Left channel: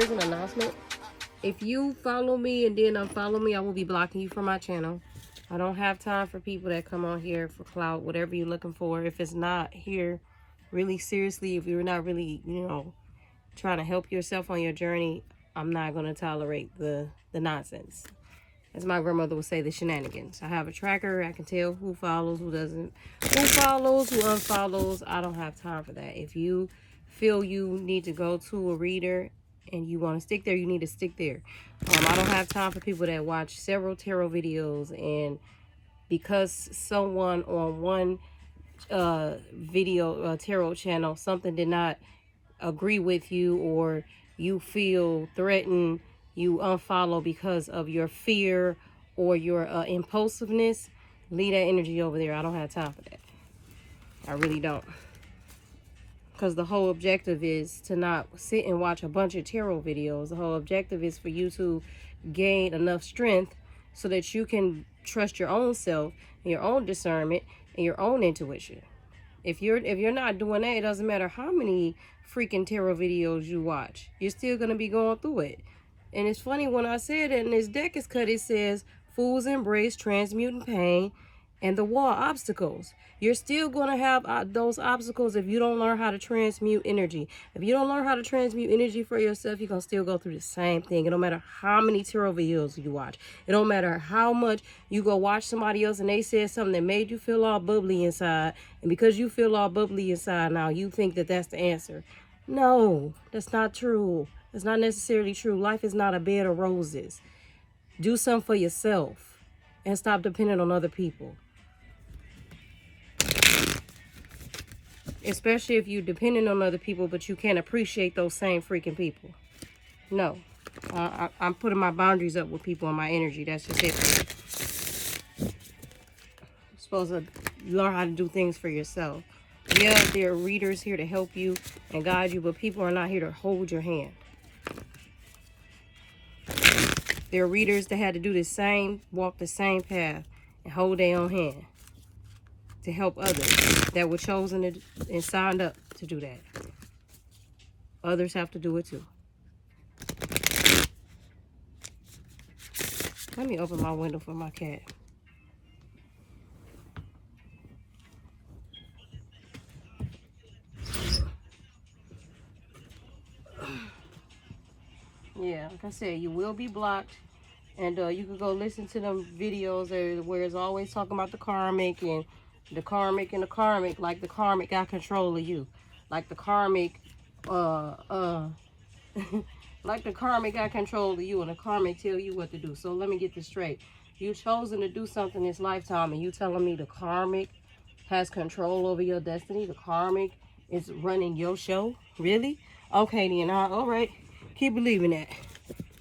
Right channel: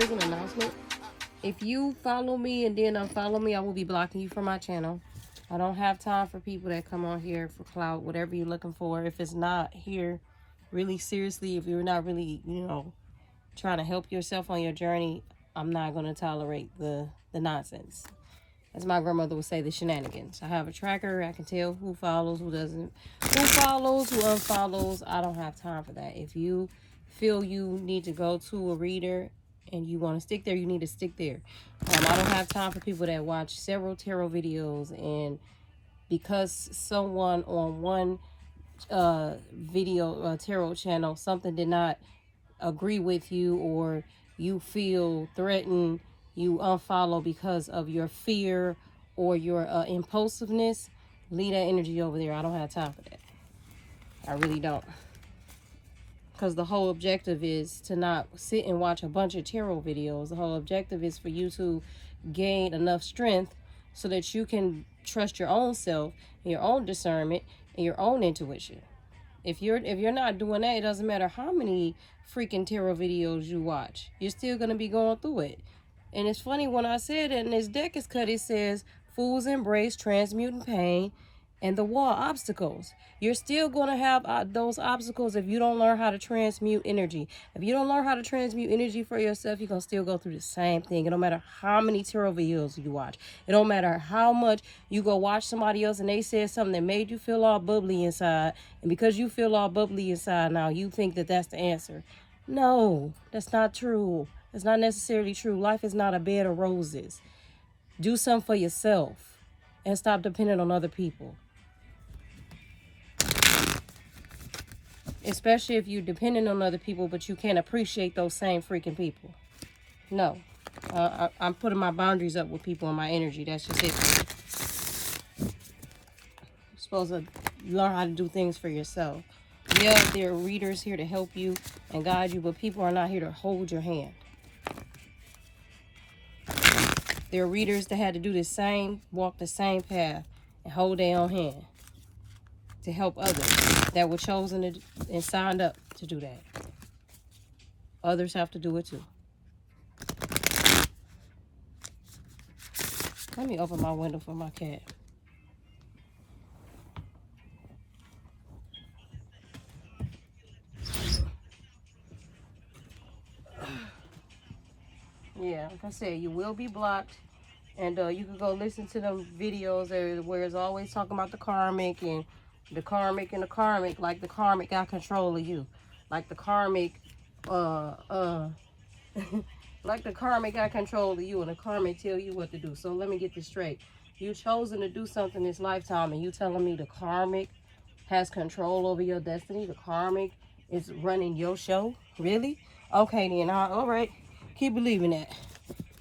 There's an announcement. If you follow me and then unfollow me, I will be blocking you from my channel. I don't have time for people that come on here for clout, whatever you're looking for. If it's not here really seriously, if you're not really, you know, trying to help yourself on your journey, I'm not going to tolerate the nonsense. As my grandmother would say, the shenanigans. I have a tracker. I can tell who follows, who doesn't, who follows, who unfollows. I don't have time for that. If you feel you need to go to a reader and you want to stick there, you need to stick there. I don't have time for people that watch several tarot videos, and because someone on one video tarot channel, something did not agree with you, or you feel threatened, you unfollow because of your fear or your impulsiveness, leave that energy over there. I don't have time for that. I really don't. Because the whole objective is to not sit and watch a bunch of tarot videos. The whole objective is for you to gain enough strength so that you can trust your own self, and your own discernment, and your own intuition. If you're not doing that, it doesn't matter how many freaking tarot videos you watch. You're still going to be going through it. And it's funny, when I said it, and this deck is cut, it says, fools embrace transmuting pain and the wall obstacles. You're still going to have those obstacles if you don't learn how to transmute energy. If you don't learn how to transmute energy for yourself, you're going to still go through the same thing. It don't matter how many tarot videos you watch. It don't matter how much you go watch somebody else and they said something that made you feel all bubbly inside. And because you feel all bubbly inside now, you think that that's the answer. No, that's not true. It's not necessarily true. Life is not a bed of roses. Do something for yourself and stop depending on other people. Especially if you're depending on other people, but you can't appreciate those same freaking people. No. I'm putting my boundaries up with people in my energy. That's just it. You're supposed to learn how to do things for yourself. Yeah, there are readers here to help you and guide you, but people are not here to hold your hand. There are readers that had to do the same, walk the same path, and hold their own hand to help others that were chosen and signed up to do that. Others have to do it too. Let me open my window for my cat. Yeah, like I said, you will be blocked. And you can go listen to them videos where it's always talking about the karmic and the karmic and the karmic, like the karmic got control of you. Like the karmic, like the karmic got control of you and the karmic tell you what to do. So let me get this straight. You chosen to do something this lifetime and you telling me the karmic has control over your destiny? The karmic is running your show? Really? Okay then, all right. Keep believing that.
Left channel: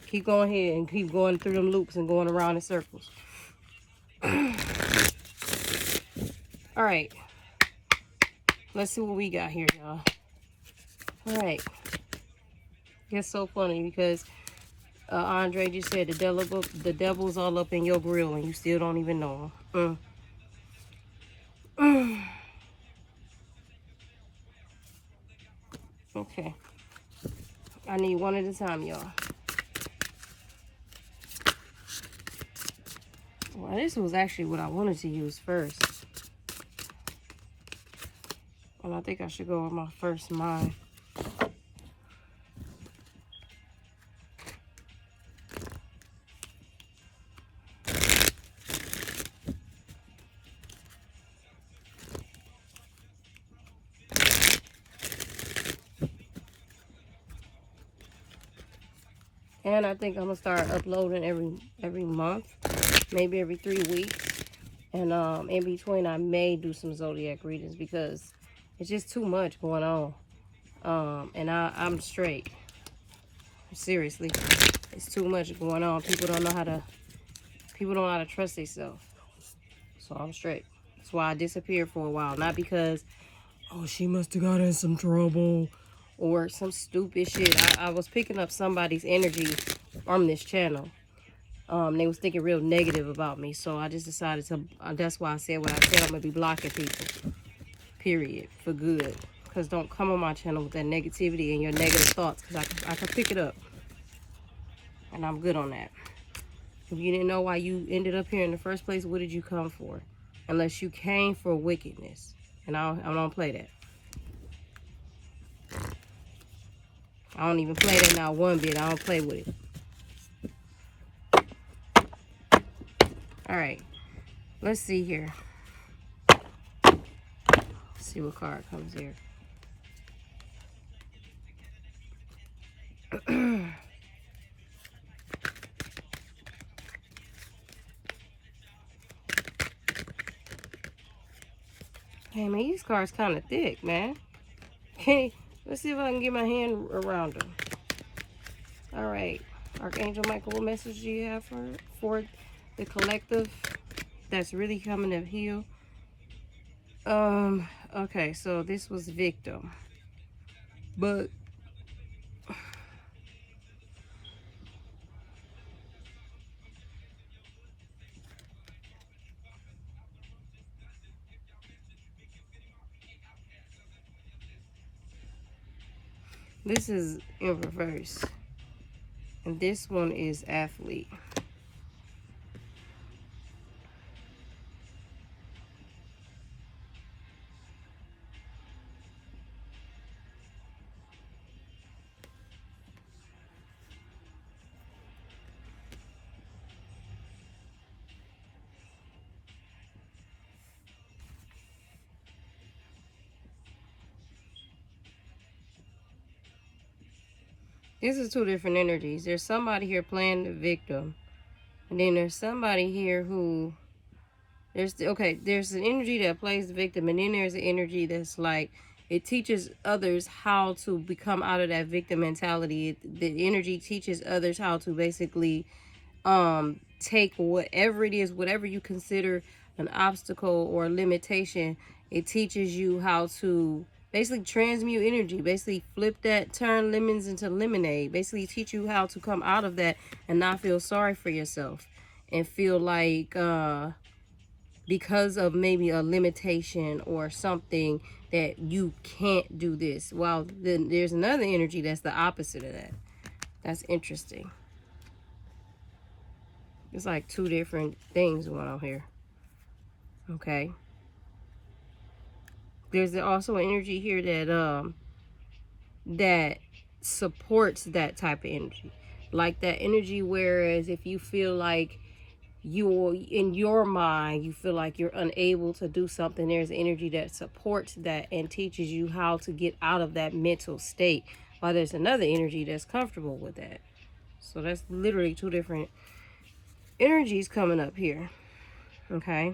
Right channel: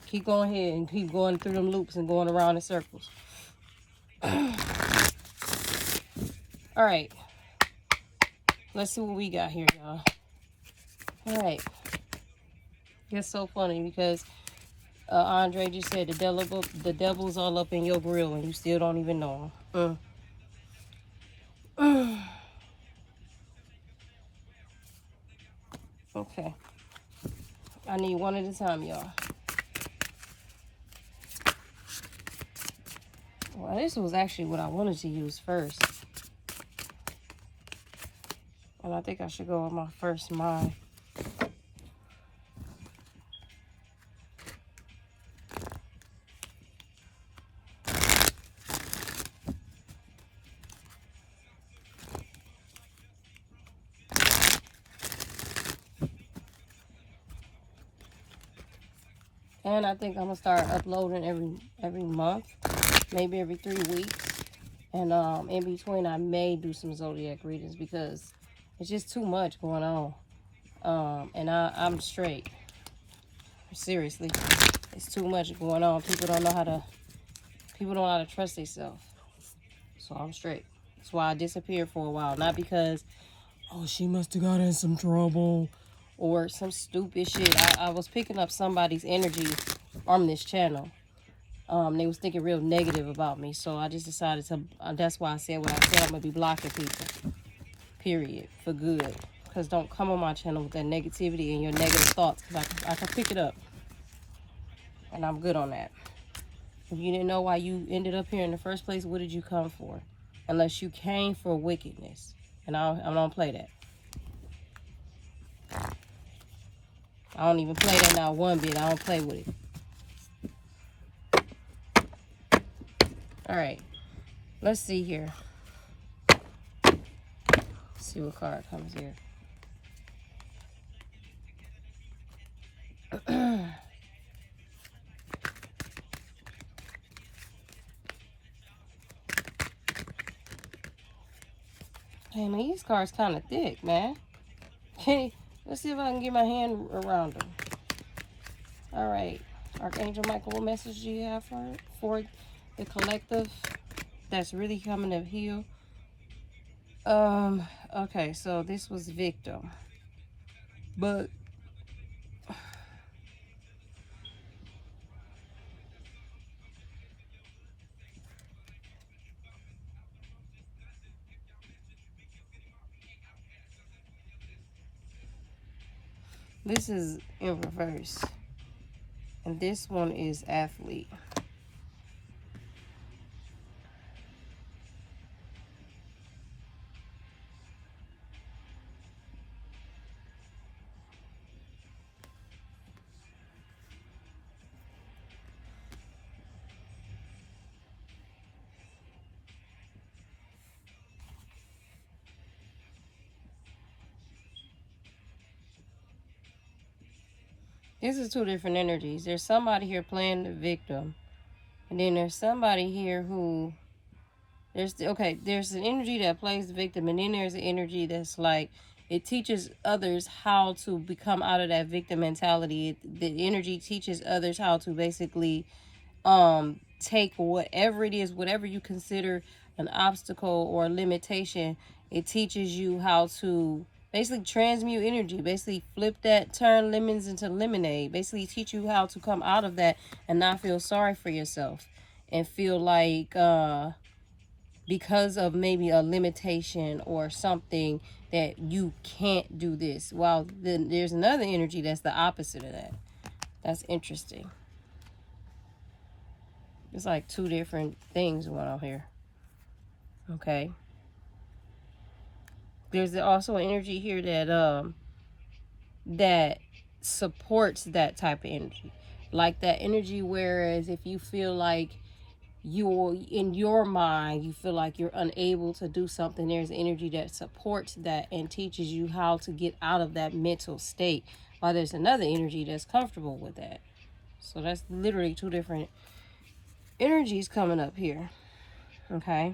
Keep going ahead and keep going through them loops and going around in circles. All right. Let's see what we got here, y'all. All right. It's so funny because Andre just said the devil's all up in your grill and you still don't even know him. Okay. I need one at a time, y'all. Well, this was actually what I wanted to use first. And I think I should go with my first mind. And I think I'm gonna start uploading every month, maybe every 3 weeks. And in between I may do some zodiac readings because it's just too much going on. And I'm straight. Seriously. It's too much going on. People don't know how to trust themselves. So I'm straight. That's why I disappeared for a while. Not because, oh, she must have got in some trouble or some stupid shit. I was picking up somebody's energy on this channel. They was thinking real negative about me. So I just decided to, that's why I said what I said. I'm going to be blocking people. Period. For good. Because don't come on my channel with that negativity and your negative thoughts. Because I can pick it up. And I'm good on that. If you didn't know why you ended up here in the first place, what did you come for? Unless you came for wickedness. And I don't play that. I don't even play that now one bit. I don't play with it. Alright. Let's see here. Let's see what card comes here. Hey man, these cards kind of thick, man. Okay, let's see if I can get my hand around them. All right, Archangel Michael, what message do you have for the collective that's really coming to heal? Okay, so this was victim, but this is in reverse, and this one is athlete. This is two different energies. There's somebody here playing the victim, and then there's somebody here who there's an energy that plays the victim, and then there's an energy that's like it teaches others how to become out of that victim mentality. The energy teaches others how to basically take whatever it is, whatever you consider an obstacle or a limitation. It teaches you how to basically transmute energy, basically flip that, turn lemons into lemonade, basically teach you how to come out of that and not feel sorry for yourself and feel like because of maybe a limitation or something that you can't do this. Well, then there's another energy that's the opposite of that. That's interesting. It's like two different things going on here. Okay. There's also an energy here that supports that type of energy. Like that energy, whereas if you feel like you're in your mind, you feel like you're unable to do something, there's energy that supports that and teaches you how to get out of that mental state, while there's another energy that's comfortable with that. So that's literally two different energies coming up here. Okay.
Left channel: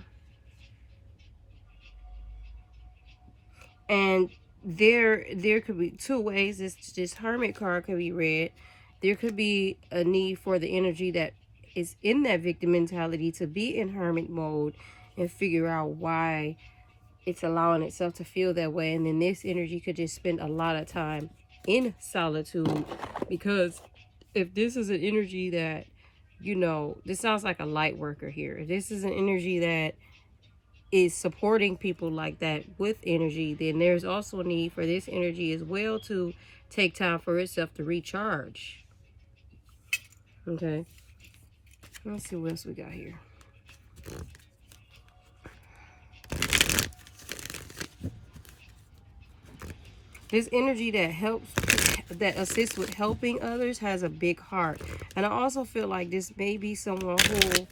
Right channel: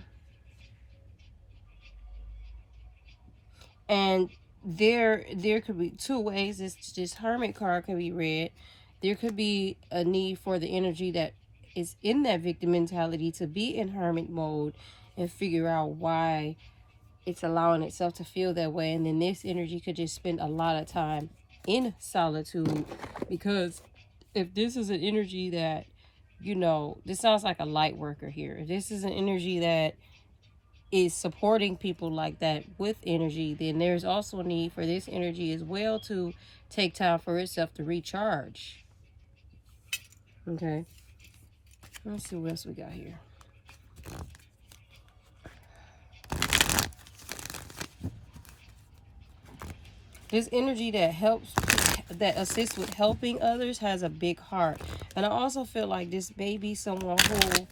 And there could be two ways this hermit card could be read. There could be a need for the energy that is in that victim mentality to be in hermit mode and figure out why it's allowing itself to feel that way. And then this energy could just spend a lot of time in solitude, because if this is an energy that, you know, this sounds like a light worker here. If this is an energy that is supporting people like that with energy, then there's also a need for this energy as well to take time for itself to recharge. Okay. Let's see what else we got here. This energy that helps, that assists with helping others, has a big heart. And I also feel like this may be someone who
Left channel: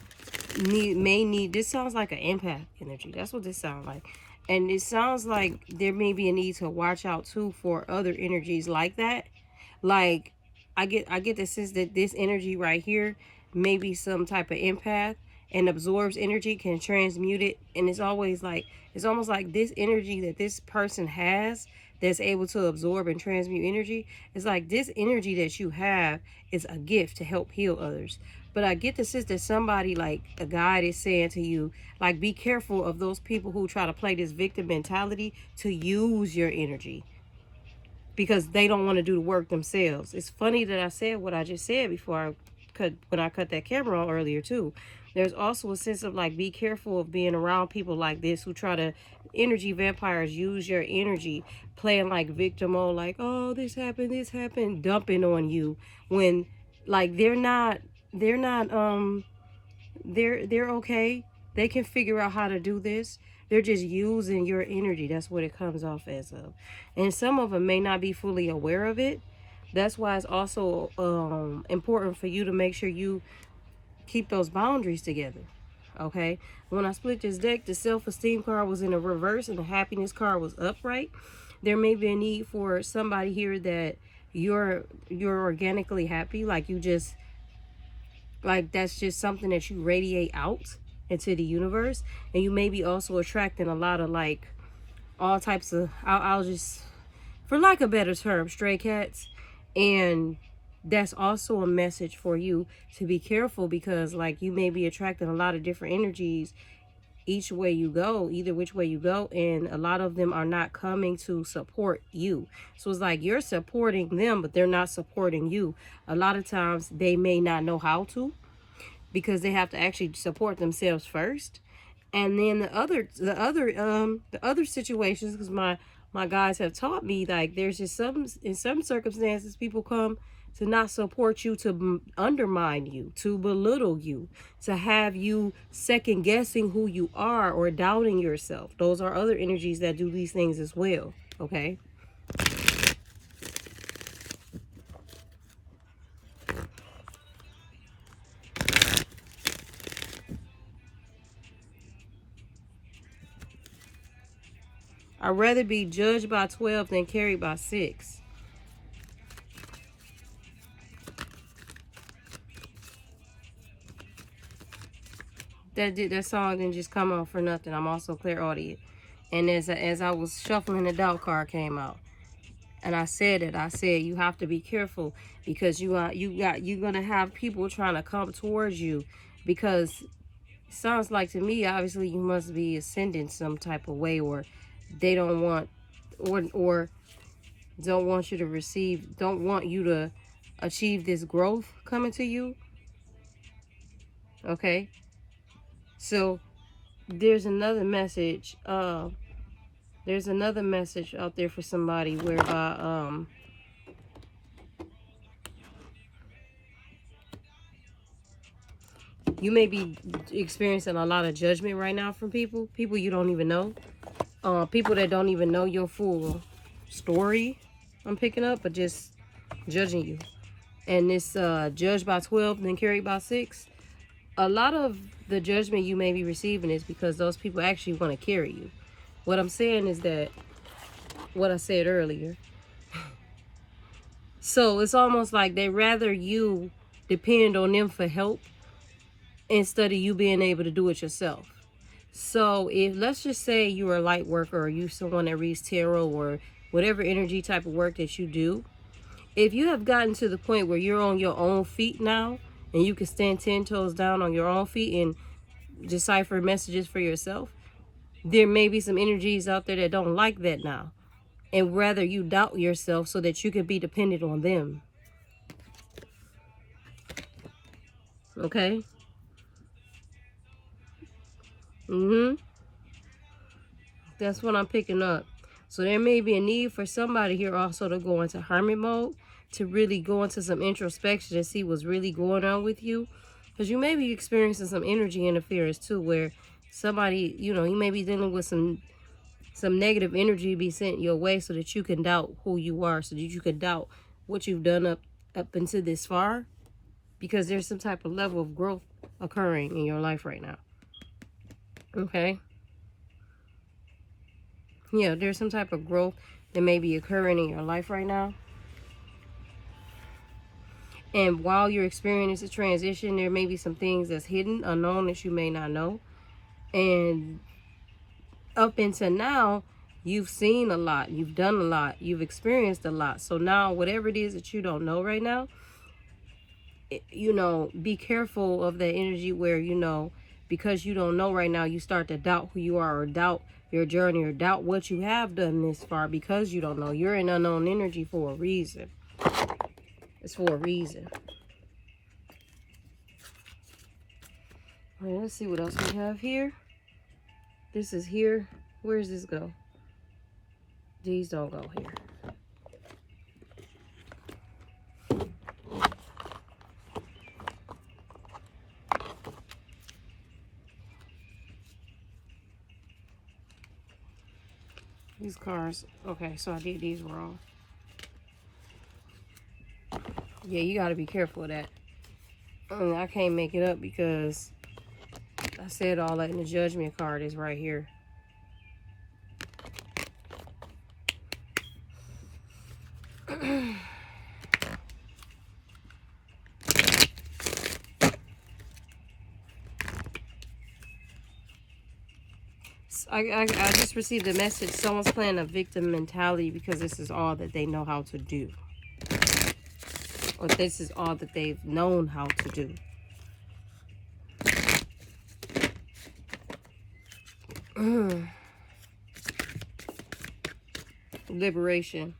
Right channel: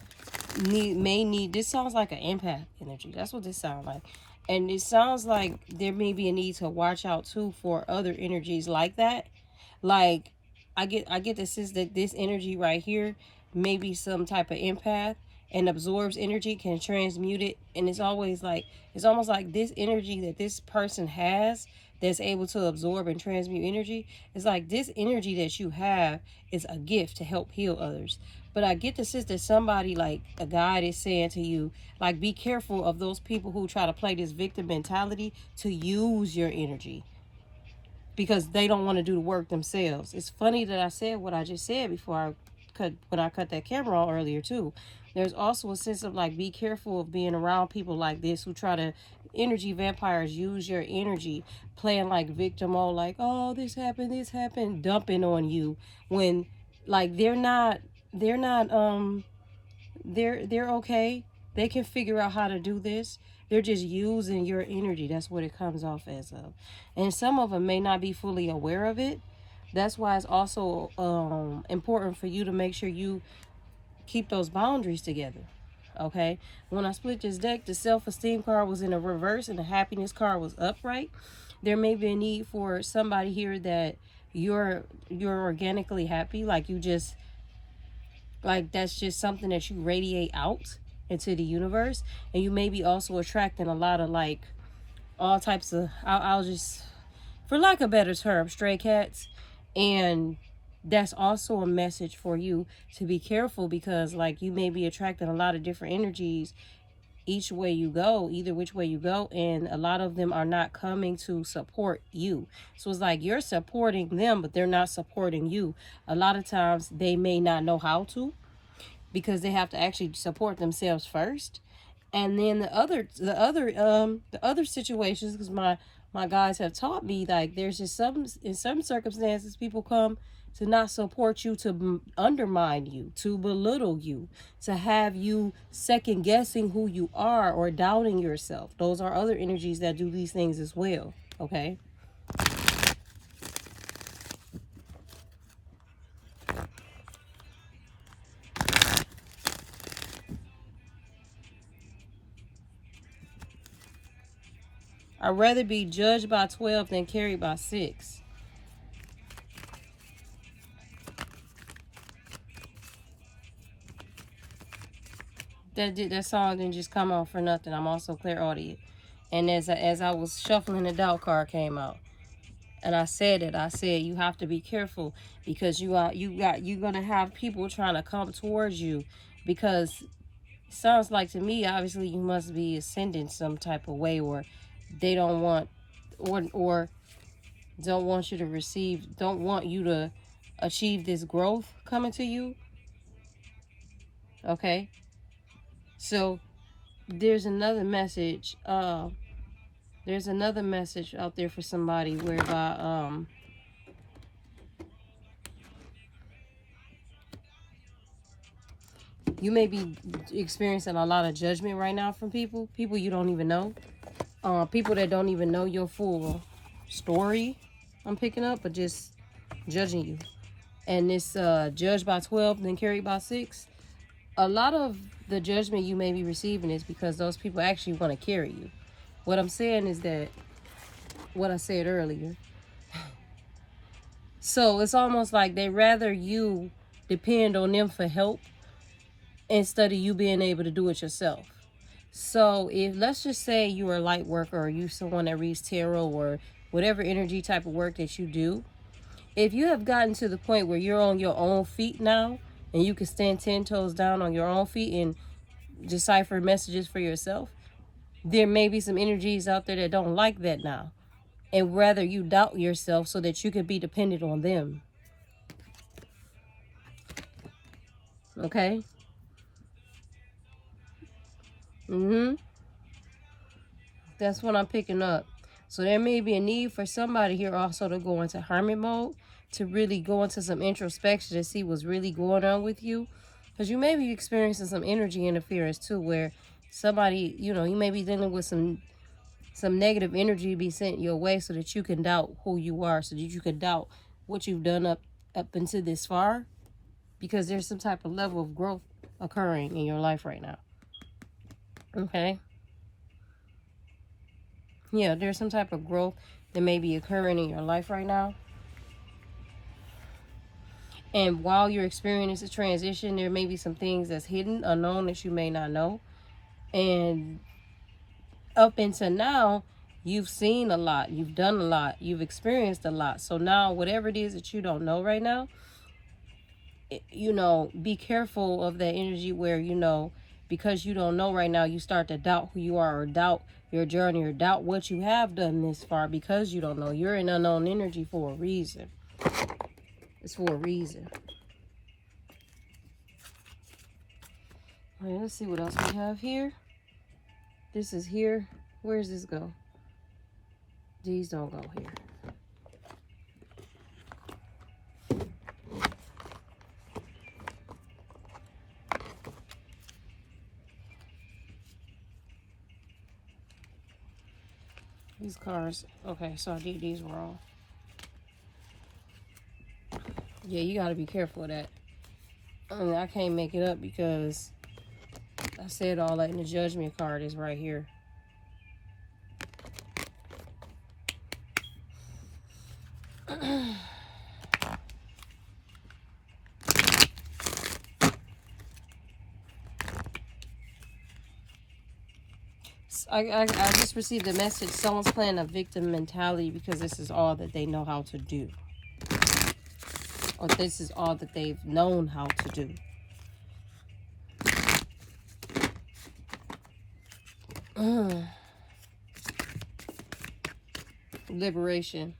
may need, this sounds like an empath energy. That's what this sounds like. And it sounds like there may be a need to watch out too for other energies like that. Like I get the sense that this energy right here may be some type of empath and absorbs energy, can transmute it, and it's always like, it's almost like this energy that this person has that's able to absorb and transmute energy, it's like this energy that you have is a gift to help heal others. But I get the sense that somebody, like a guide, is saying to you, like, be careful of those people who try to play this victim mentality to use your energy, because they don't want to do the work themselves. It's funny that I said what I just said before when I cut that camera on earlier too. There's also a sense of like, be careful of being around people like this who try to, energy vampires, use your energy, playing like victim mode, like, oh, this happened, dumping on you, when like they're okay. They can figure out how to do this. They're just using your energy. That's what it comes off as of. And some of them may not be fully aware of it. That's why it's also important for you to make sure you keep those boundaries together. Okay, when I split this deck, the self-esteem card was in a reverse and the happiness card was upright. There may be a need for somebody here that you're organically happy, like you just, like that's just something that you radiate out into the universe. And you may be also attracting a lot of like all types of, I'll just, for lack of a better term, stray cats. And that's also a message for you to be careful, because like you may be attracting a lot of different energies each way you go, either which way you go, and a lot of them are not coming to support you. So it's like you're supporting them, but they're not supporting you. A lot of times they may not know how to, because they have to actually support themselves first. And then the other situations, because my guys have taught me, like there's just some, in some circumstances, people come to not support you, to undermine you, to belittle you, to have you second guessing who you are or doubting yourself. Those are other energies that do these things as well. Okay. I'd rather be judged by 12 than carried by 6. That song didn't just come out for nothing. I'm also clairaudient. And as I was shuffling, the doubt card came out. And I said you have to be careful, because you're gonna have people trying to come towards you, because it sounds like to me, obviously you must be ascending some type of way, or they don't want, or don't want you to receive, don't want you to achieve this growth coming to you. Okay, so there's another message. There's another message out there for somebody whereby you may be experiencing a lot of judgment right now from people you don't even know, people that don't even know your full story. I'm picking up, but just judging you. And this judged by 12 then carried by 6. A lot of the judgment you may be receiving is because those people actually want to carry you. What I'm saying is that what I said earlier. So it's almost like they rather you depend on them for help instead of you being able to do it yourself. So if, let's just say you're a light worker, or you someone that reads tarot, or whatever energy type of work that you do, if you have gotten to the point where you're on your own feet now, and you can stand 10 toes down on your own feet and decipher messages for yourself, there may be some energies out there that don't like that now, and rather you doubt yourself so that you can be dependent on them. Okay? That's what I'm picking up. So there may be a need for somebody here also to go into hermit mode, to really go into some introspection and see what's really going on with you. Because you may be experiencing some energy interference too, where somebody, you may be dealing with some negative energy be sent your way, so that you can doubt who you are, so that you can doubt what you've done up until this far, because there's some type of level of growth occurring in your life right now. Okay? Yeah, there's some type of growth that may be occurring in your life right now. And while you're experiencing this transition, there may be some things that's hidden, unknown, that you may not know. And up until now, you've seen a lot, you've done a lot, you've experienced a lot. So now, whatever it is that you don't know right now, be careful of that energy where, because you don't know right now, you start to doubt who you are, or doubt your journey, or doubt what you have done this far, because you don't know. You're in unknown energy for a reason. It's for a reason. All right, let's see what else we have here. This is here. Where does this go? These don't go here. These cards. Okay, so I did these wrong. Yeah, you got to be careful of that. I can't make it up because I said all that, and the Judgment card is right here. I just received a message. Someone's playing a victim mentality because this is all that they know how to do. Or this is all that they've known how to do. Liberation.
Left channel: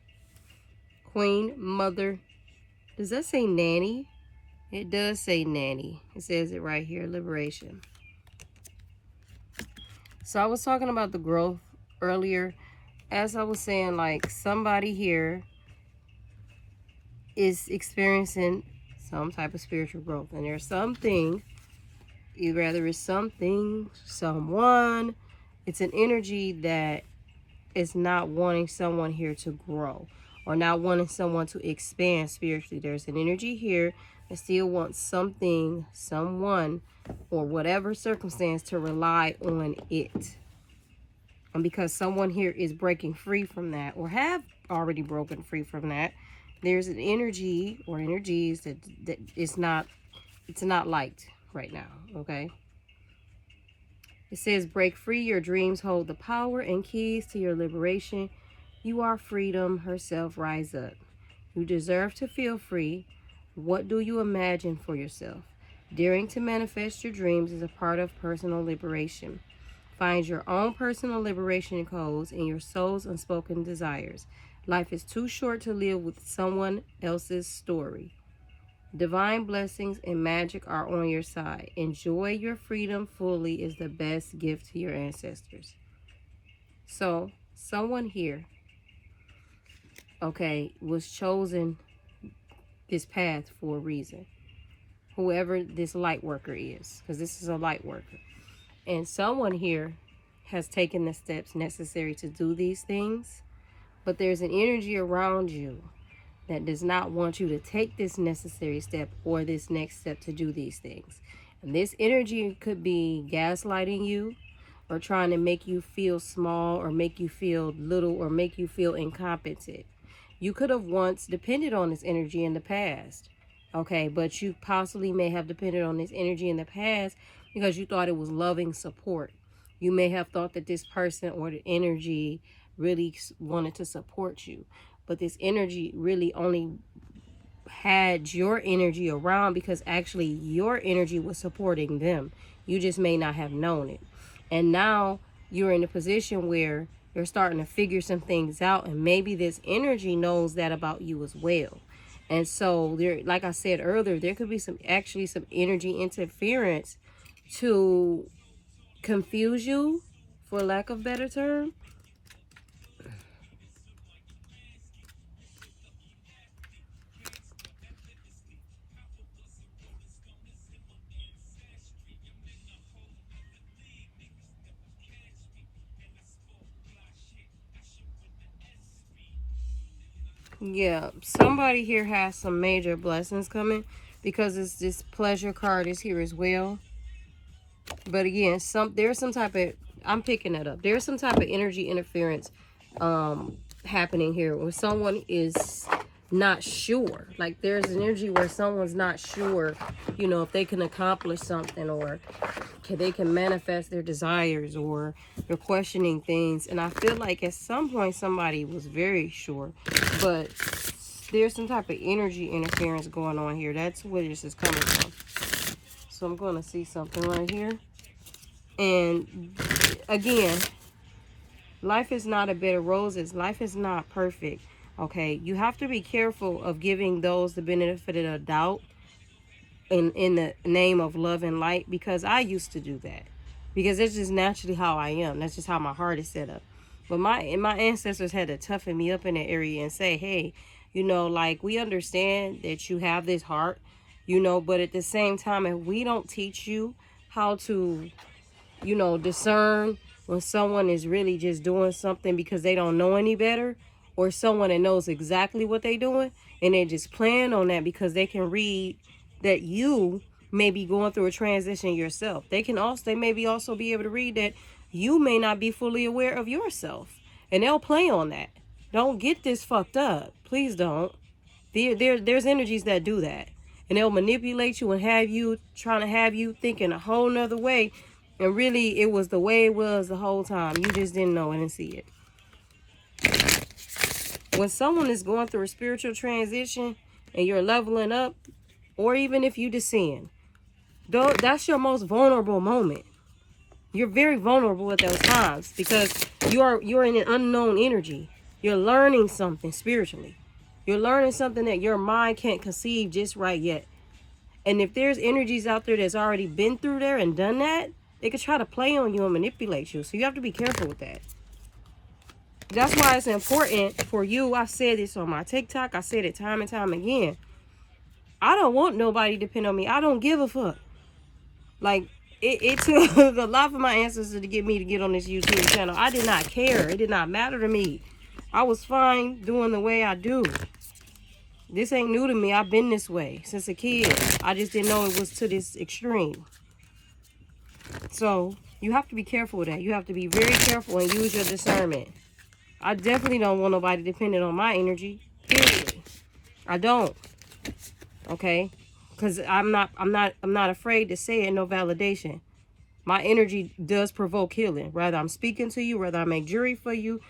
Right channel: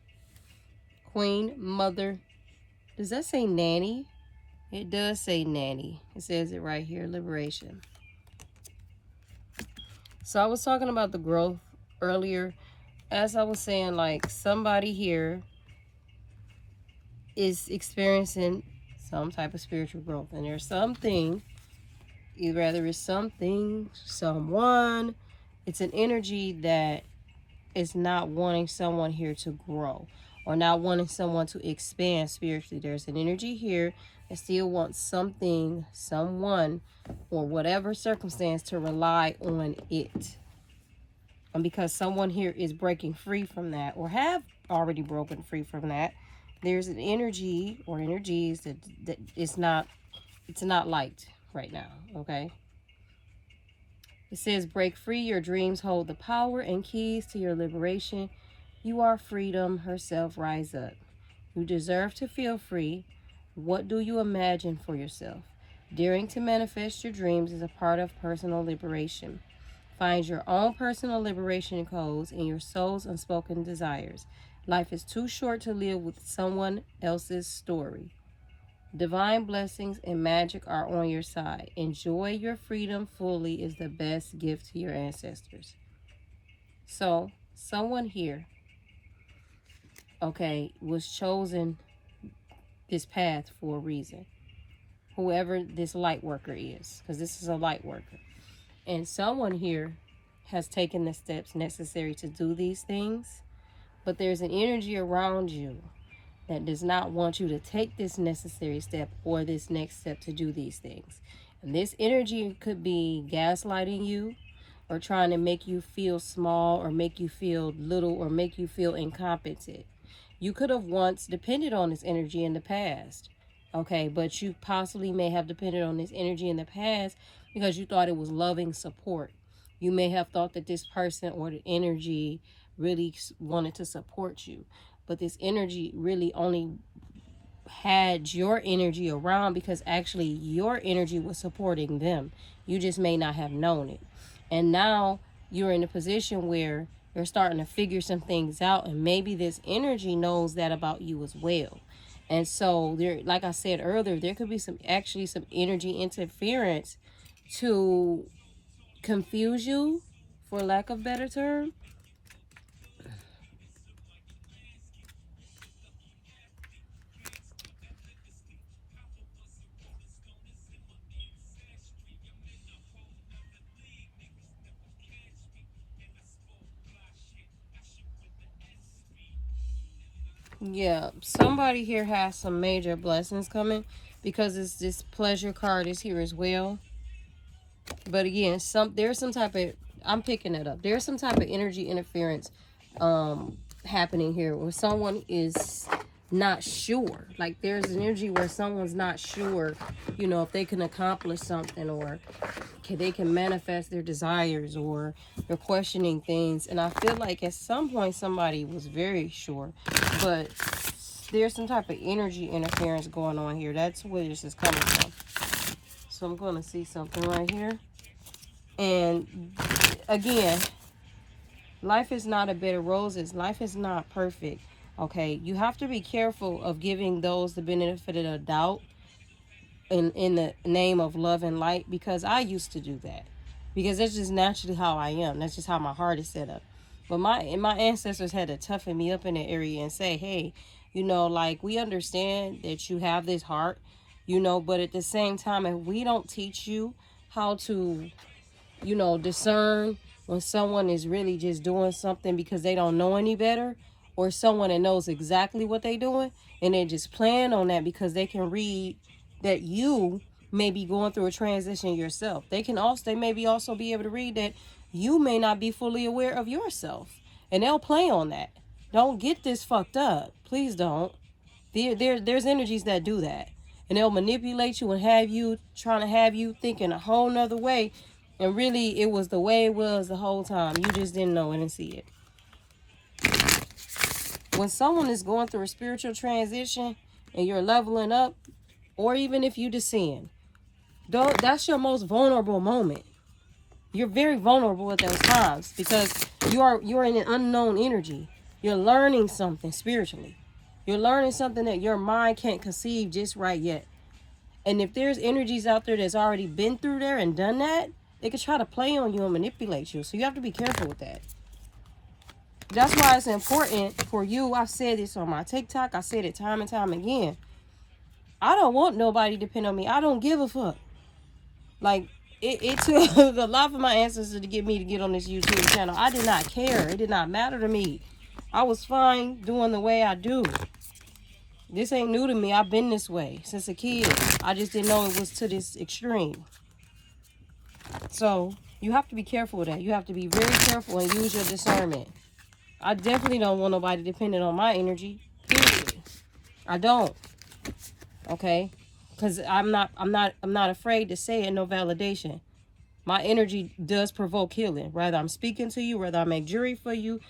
Queen, mother. Does that say nanny? It does say nanny. It says it right here. Liberation. So I was talking about the growth earlier. As I was saying, like, somebody here is experiencing some type of spiritual growth. And there's something, either it's something, someone, it's an energy that is not wanting someone here to grow or not wanting someone to expand spiritually. There's an energy here that still wants something, someone, or whatever circumstance to rely on it. And because someone here is breaking free from that or have already broken free from that, there's an energy or energies that it's not liked right now, okay? It says, break free. Your dreams hold the power and keys to your liberation. You are freedom herself. Rise up. You deserve to feel free. What do you imagine for yourself? Daring to manifest your dreams is a part of personal liberation. Find your own personal liberation codes and your soul's unspoken desires. Life is too short to live with someone else's story. Divine blessings and magic are on your side. Enjoy your freedom fully is the best gift to your ancestors. So, someone here, okay, was chosen this path for a reason. Whoever this light worker is, because this is a light worker. And someone here has taken the steps necessary to do these things, but there's an energy around you that does not want you to take this necessary step or this next step to do these things. And this energy could be gaslighting you or trying to make you feel small or make you feel little or make you feel incompetent. You could have once depended on this energy in the past, okay? But you possibly may have depended on this energy in the past because you thought it was loving support. You may have thought that this person or the energy really wanted to support you. But this energy really only had your energy around because actually your energy was supporting them. You just may not have known it. And now you're in a position where you're starting to figure some things out, and maybe this energy knows that about you as well. And so there, like I said earlier, there could be some energy interference to confuse you, for lack of a better term. Yeah, somebody here has some major blessings coming because this pleasure card is here as well. But again, there's some type of, I'm picking it up. There's some type of energy interference happening here where someone is not sure. Like there's an energy where someone's not sure, you know, if they can accomplish something or they can manifest their desires, or they're questioning things. And I feel like at some point somebody was very sure, but there's some type of energy interference going on here. That's where this is coming from. So I'm going to see something right here. And again, life is not a bed of roses. Life is not perfect. Okay, you have to be careful of giving those the benefit of the doubt in the name of love and light, because I used to do that, because that's just naturally how I am. That's just how my heart is set up. But my ancestors had to toughen me up in that area and say, hey, you know, like, we understand that you have this heart, you know, but at the same time, if we don't teach you how to, you know, discern when someone is really just doing something because they don't know any better, or someone that knows exactly what they're doing and they just plan on that because they can read that you may be going through a transition yourself. They maybe also be able to read that you may not be fully aware of yourself, and they'll play on that. Don't get this fucked up. Please don't. There's energies that do that, and they'll manipulate you and have you trying to have you thinking a whole nother way, and really it was the way it was the whole time. You just didn't know it and see it. When someone is going through a spiritual transition and you're leveling up, or even if you descend, that's your most vulnerable moment. You're very vulnerable at those times because you're in an unknown energy. You're learning something spiritually. You're learning something that your mind can't conceive just right yet. And if there's energies out there that's already been through there and done that, they could try to play on you and manipulate you. So you have to be careful with that. That's why it's important for you. I said this on my TikTok. I said it time and time again. I don't want nobody to depend on me. I don't give a fuck. Like, it took a lot for my ancestors to get me to get on this YouTube channel. I did not care. It did not matter to me. I was fine doing the way I do. This ain't new to me. I've been this way since a kid. I just didn't know it was to this extreme. So, you have to be careful with that. You have to be very careful and use your discernment. I definitely don't want nobody dependent on my energy. Period. I don't. Okay? Because I'm not afraid to say it, no validation. My energy does provoke healing. Whether I'm speaking to you, whether I make jury for you,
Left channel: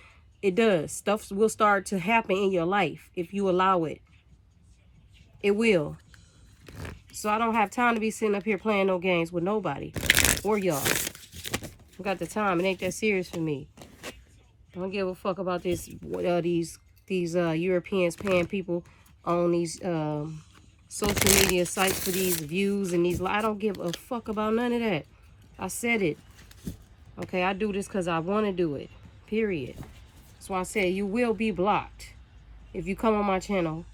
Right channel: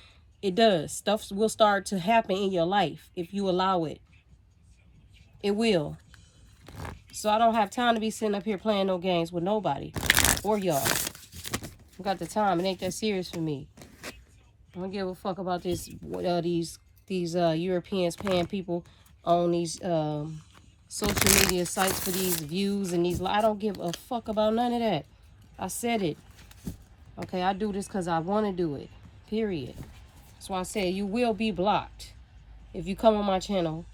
it does. Stuff will start to happen in your life if you allow it. It will. So I don't have time to be sitting up here playing no games with nobody or y'all. I got the time. It ain't that serious for me. I don't give a fuck about this. These Europeans paying people on these social media sites for these views and these. I don't give a fuck about none of that. I said it. Okay, I do this because I want to do it. Period. That's why I said you will be blocked if you come on my channel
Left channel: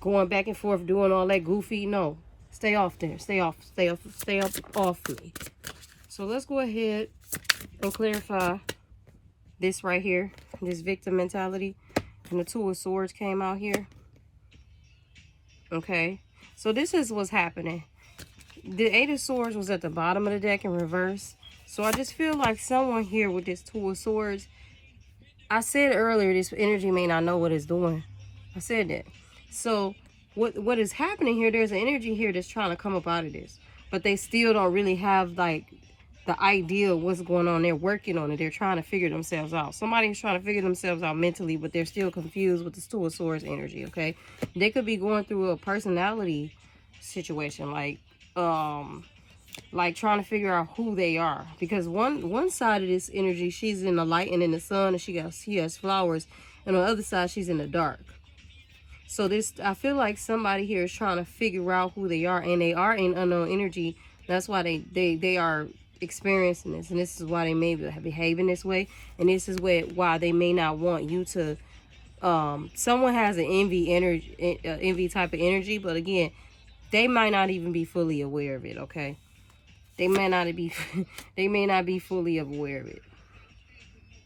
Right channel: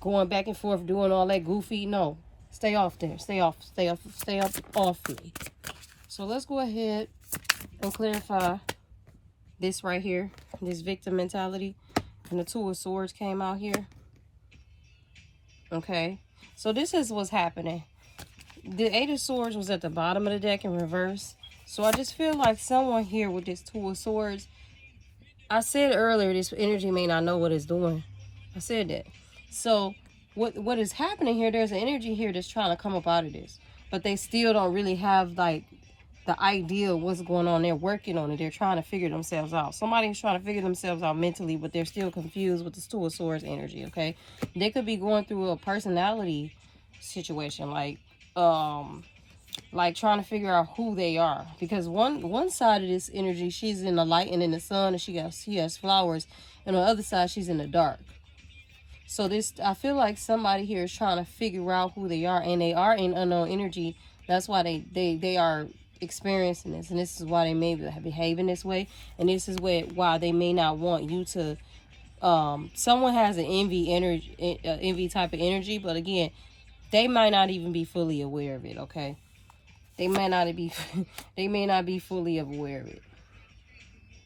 going back and forth doing all that goofy. No, stay off there. Stay off me. So let's go ahead and clarify this right here, this victim mentality. And the Two of Swords came out here. Okay, so this is what's happening. The Eight of Swords was at the bottom of the deck in reverse. So I just feel like someone here with this Two of Swords, I said earlier, this energy may not know what it's doing. I said that. So what is happening here, there's an energy here that's trying to come up out of this. But they still don't really have like the idea of what's going on. They're working on it. They're trying to figure themselves out. Somebody's trying to figure themselves out mentally, but they're still confused with this Two of Swords energy, okay? They could be going through a personality situation, like trying to figure out who they are. Because one side of this energy, she's in the light and in the sun, and she has flowers. And on the other side, she's in the dark. So this, I feel like somebody here is trying to figure out who they are, and they are in unknown energy. That's why they are experiencing this, and this is why they may be behaving this way, and this is why they may not want you to. Someone has an envy type of energy, but again, they might not even be fully aware of it. Okay, they may not be fully aware of it.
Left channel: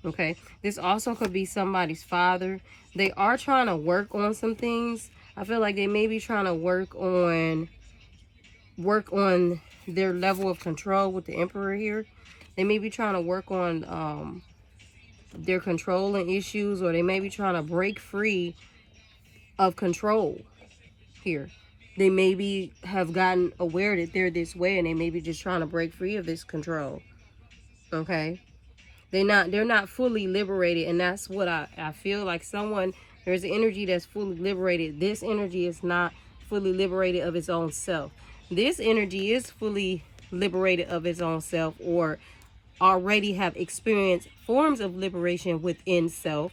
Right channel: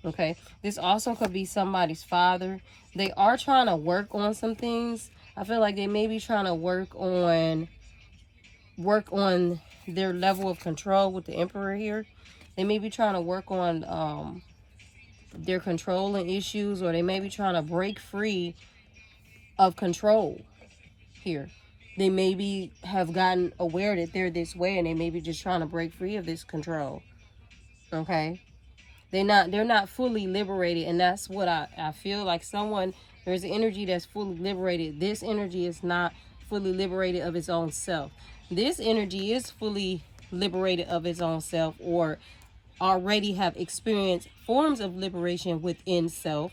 Okay, this also could be somebody's father. They are trying to work on some things. I feel like they may be trying to work on their level of control with the Emperor here. They may be trying to work on their controlling issues, or they may be trying to break free of control here. They maybe have gotten aware that they're this way, and they may be just trying to break free of this control. Okay, they're not fully liberated, and that's what I feel like. There's an energy that's fully liberated. This energy is not fully liberated of its own self. This energy is fully liberated of its own self, or already have experienced forms of liberation within self,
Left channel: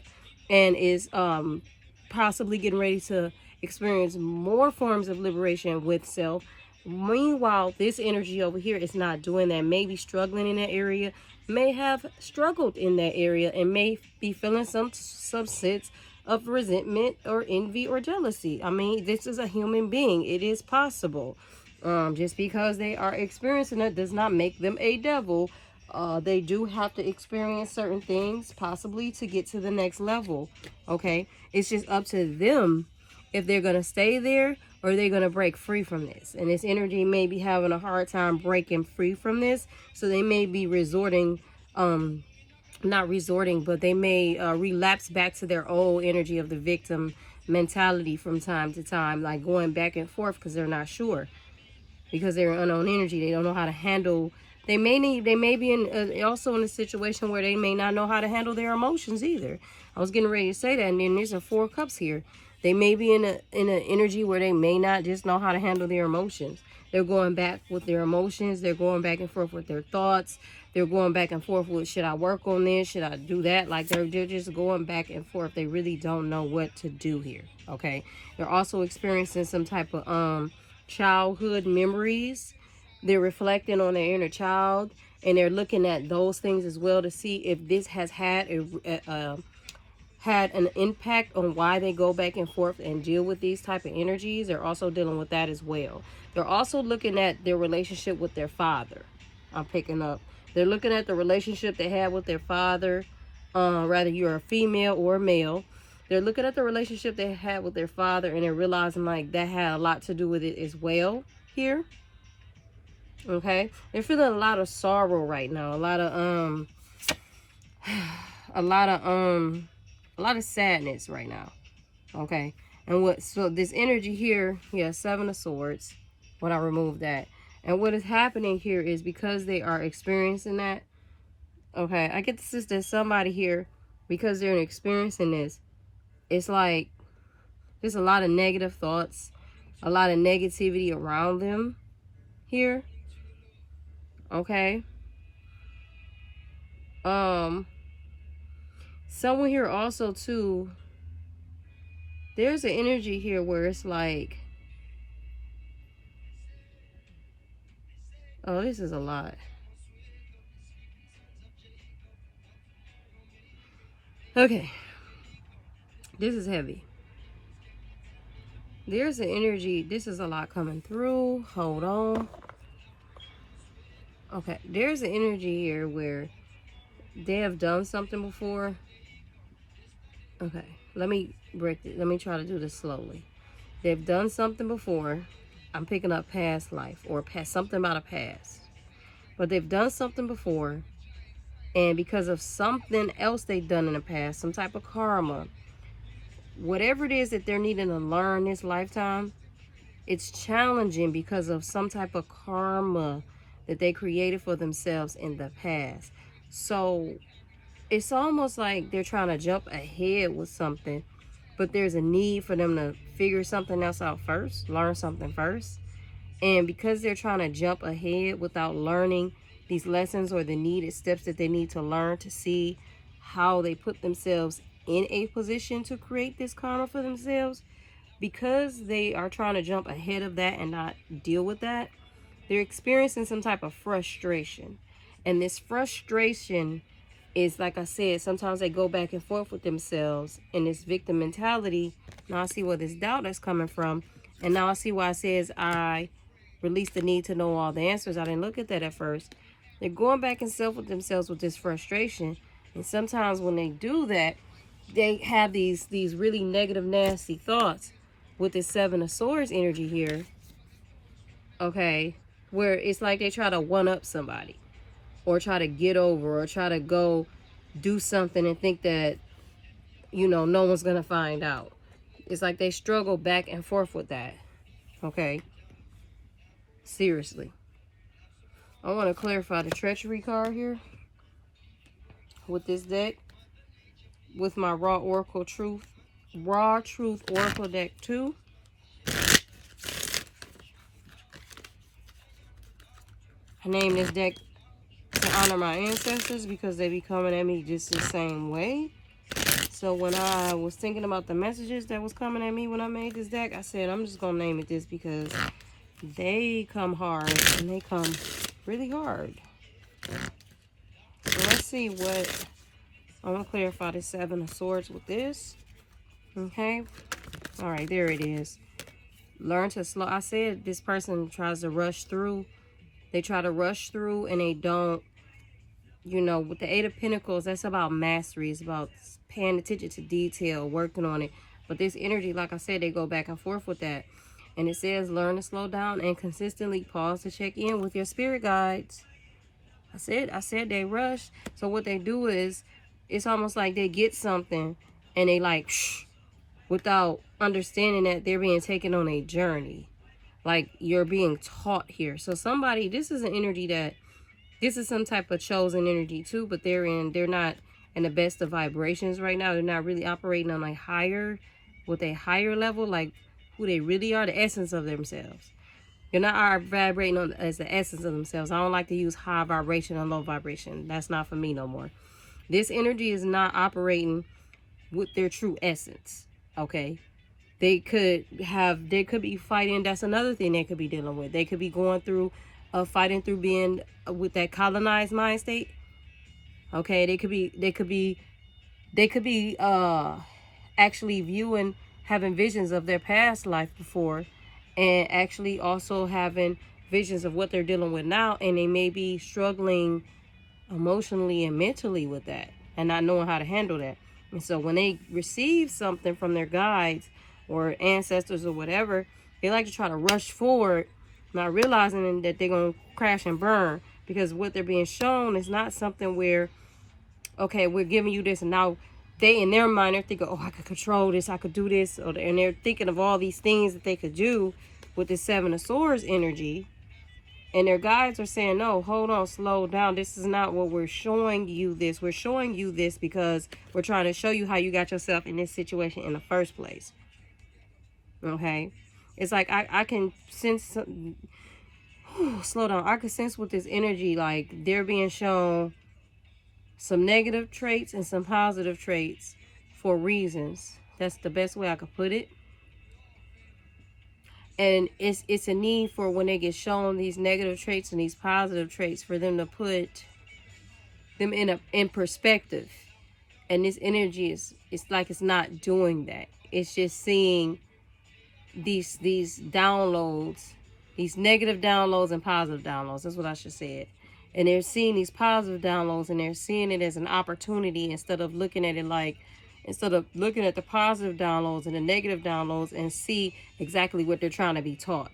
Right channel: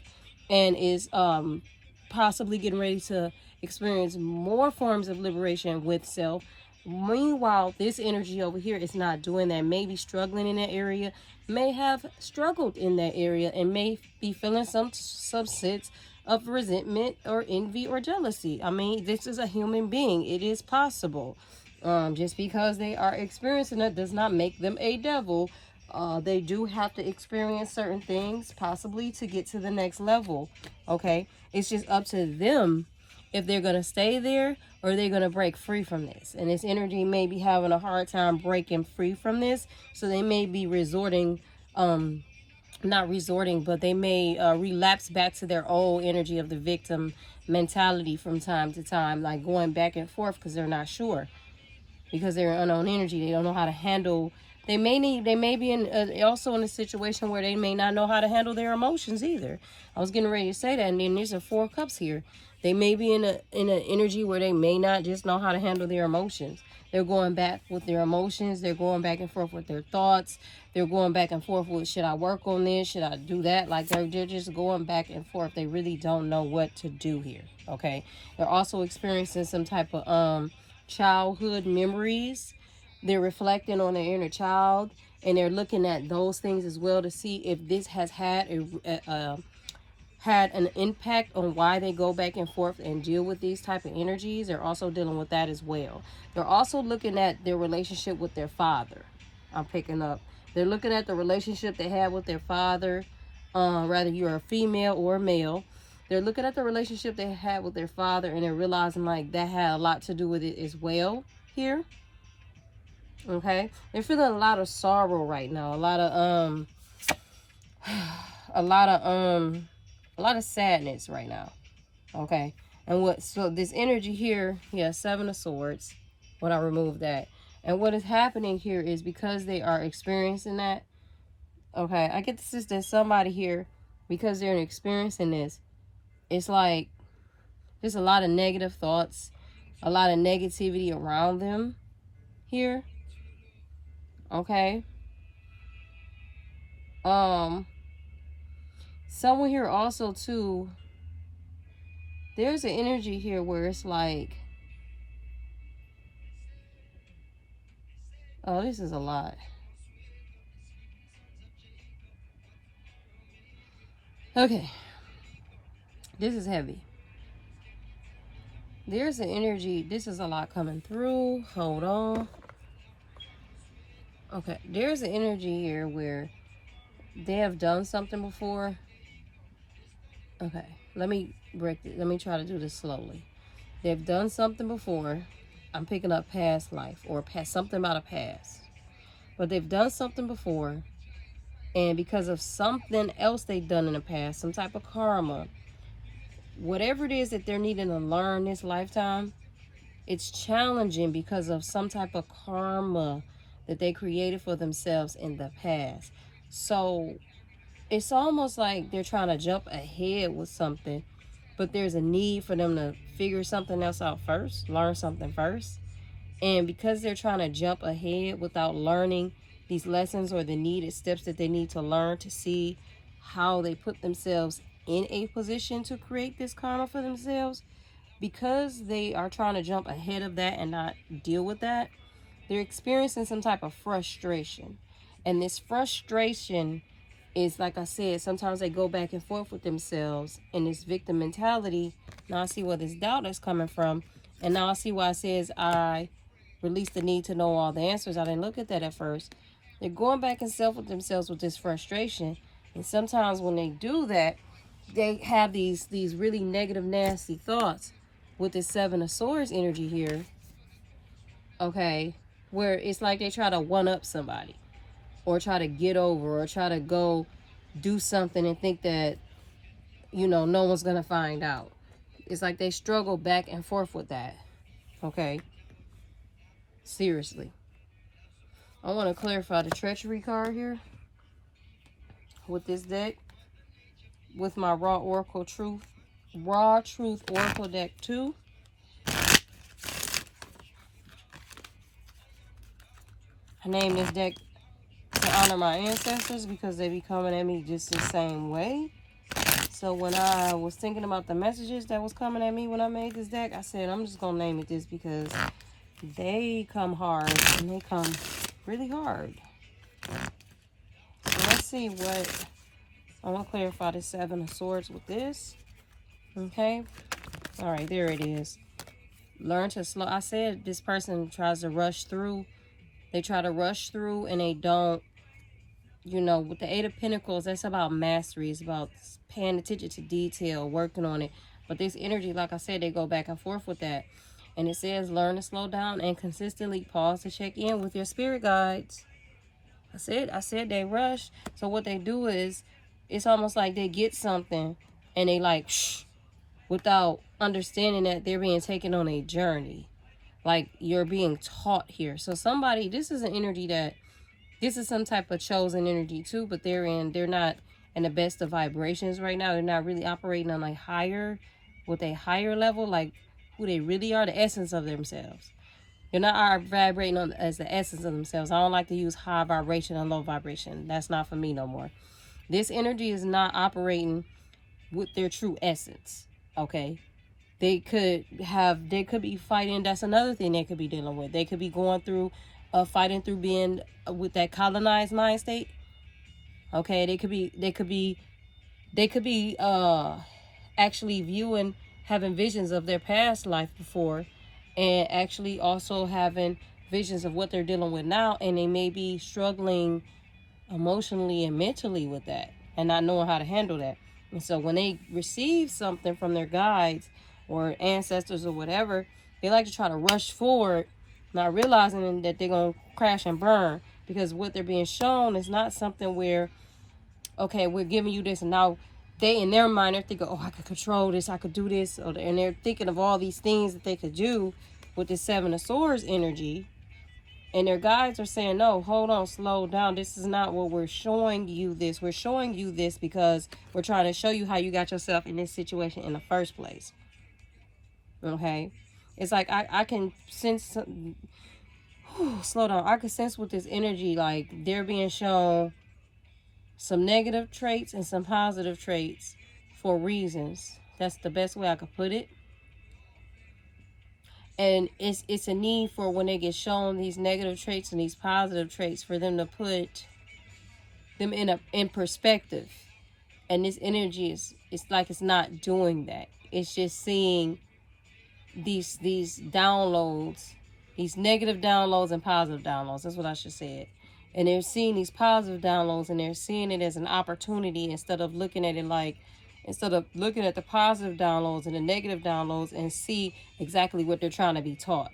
and is possibly getting ready to experience more forms of liberation with self. Meanwhile, this energy over here is not doing that. May be struggling in that area, may have struggled in that area, and may be feeling some sense of resentment or envy or jealousy. I mean, this is a human being. It is possible. Just because they are experiencing it does not make them a devil. They do have to experience certain things, possibly, to get to the next level. Okay? It's just up to them if they're going to stay there or they're going to break free from this. And this energy may be having a hard time breaking free from this. So they may be resorting, not resorting, but they may relapse back to their old energy of the victim mentality from time to time, like going back and forth because they're not sure. Because they're unknown energy, they don't know how to handle. They may be in also in a situation where they may not know how to handle their emotions either. I was getting ready to say that, and then there's a 4 cups here. They may be in an energy where they may not just know how to handle their emotions. They're going back with their emotions. They're going back and forth with their thoughts. They're going back and forth with, should I work on this? Should I do that? Like they're just going back and forth. They really don't know what to do here. Okay. They're also experiencing some type of childhood memories. They're reflecting on their inner child, and they're looking at those things as well to see if this has had had an impact on why they go back and forth and deal with these type of energies. They're also dealing with that as well. They're also looking at their relationship with their father. I'm picking up. They're looking at the relationship they had with their father, whether you're a female or a male. They're looking at the relationship they had with their father, and they're realizing like that had a lot to do with it as well here. Okay, they're feeling a lot of sorrow right now, a lot of sadness right now. Okay, and so this energy here, yeah, 7 of Swords, when I remove that, and what is happening here is because they are experiencing that. Okay, I get the sense that somebody here, because they're experiencing this, it's like there's a lot of negative thoughts, a lot of negativity around them here. Okay. Someone here also too, there's an energy here where it's like, oh, this is a lot. Okay. This is heavy. There's an energy, this is a lot coming through. Hold on. Okay, there's an energy here where they have done something before. Okay, let me break it. Let me try to do this slowly. They've done something before. I'm picking up past life or past something about a past. But they've done something before, and because of something else they've done in the past, some type of karma, whatever it is that they're needing to learn this lifetime, it's challenging because of some type of karma that they created for themselves in the past. So it's almost like they're trying to jump ahead with something, but there's a need for them to figure something else out first, learn something first. And because they're trying to jump ahead without learning these lessons or the needed steps that they need to learn to see how they put themselves in a position to create this karma for themselves, because they are trying to jump ahead of that and not deal with that, they're experiencing some type of frustration. And this frustration is, like I said, sometimes they go back and forth with themselves in this victim mentality. Now I see where this doubt is coming from. And now I see why it says I release the need to know all the answers. I didn't look at that at first. They're going back and forth with themselves with this frustration. And sometimes when they do that, they have these really negative, nasty thoughts with this 7 of Swords energy here. Okay, where it's like they try to one up somebody, or try to get over, or try to go do something and think that, you know, no one's gonna find out. It's like they struggle back and forth with that. Okay, seriously. I want to clarify the Treachery card here with this deck, with my Raw Truth Oracle deck 2. I named this deck to honor my ancestors because they be coming at me just the same way. So when I was thinking about the messages that was coming at me when I made this deck, I said I'm just gonna name it this because they come hard, and they come really hard. So let's see what, I'm gonna clarify the 7 of Swords with this. Okay, all right, there it is. Learn to slow. I said this person tries to rush through. They try to rush through, and they don't you know, with the Eight of Pentacles, that's about mastery. It's about paying attention to detail, working on it. But this energy, like I said, they go back and forth with that. And it says, learn to slow down and consistently pause to check in with your spirit guides. I said they rush. So what they do is, it's almost like they get something and they like, shh, without understanding that they're being taken on a journey. Like, you're being taught here. So somebody, this is an energy that, this is some type of chosen energy too, but they're not in the best of vibrations right now. They're not really operating on like higher, with a higher level, like who they really are, the essence of themselves. They're not vibrating on as the essence of themselves. I don't like to use high vibration and low vibration. That's not for me no more. This energy is not operating with their true essence. Okay. They could be fighting. That's another thing they could be dealing with. They could be going through fighting through being with that colonized mind state. Okay, they could be actually viewing, having visions of their past life before, and actually also having visions of what they're dealing with now, and they may be struggling emotionally and mentally with that and not knowing how to handle that. And so when they receive something from their guides or ancestors or whatever, they like to try to rush forward, not realizing that they're going to crash and burn, because what they're being shown is not something where, okay, we're giving you this, and now they, in their mind, they're thinking, oh, I could control this, I could do this, and they're thinking of all these things that they could do with the Seven of Swords energy. And their guides are saying, no, hold on, slow down. This is not what we're showing you this. We're showing you this because we're trying to show you how you got yourself in this situation in the first place. Okay? It's like I can sense, slow down. I can sense with this energy, like they're being shown some negative traits and some positive traits for reasons. That's the best way I could put it. And it's a need for, when they get shown these negative traits and these positive traits, for them to put them in perspective. And this energy it's like it's not doing that. It's just seeing these downloads, these negative downloads and positive downloads. That's what I should say it. And they're seeing these positive downloads, and they're seeing it as an opportunity, instead of looking at it like, instead of looking at the positive downloads and the negative downloads and see exactly what they're trying to be taught.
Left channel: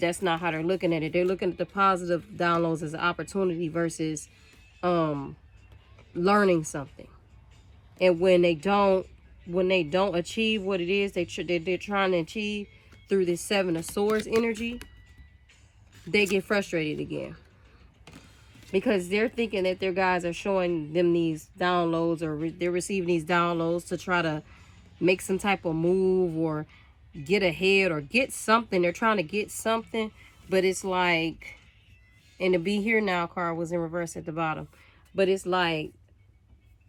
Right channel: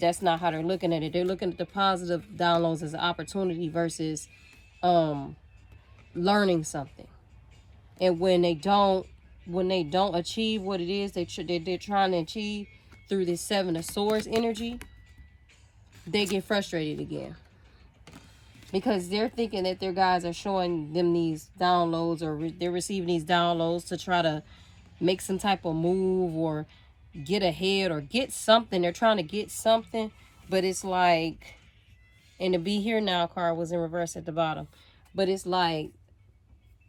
That's not how they're looking at it. They're looking at the positive downloads as an opportunity versus learning something. And when they don't achieve what it is they're trying to achieve through this Seven of Swords energy, they get frustrated again. Because they're thinking that their guys are showing them these downloads, or they're receiving these downloads to try to make some type of move or get ahead or get something. They're trying to get something, but it's like, and the Be Here Now card was in reverse at the bottom. But it's like,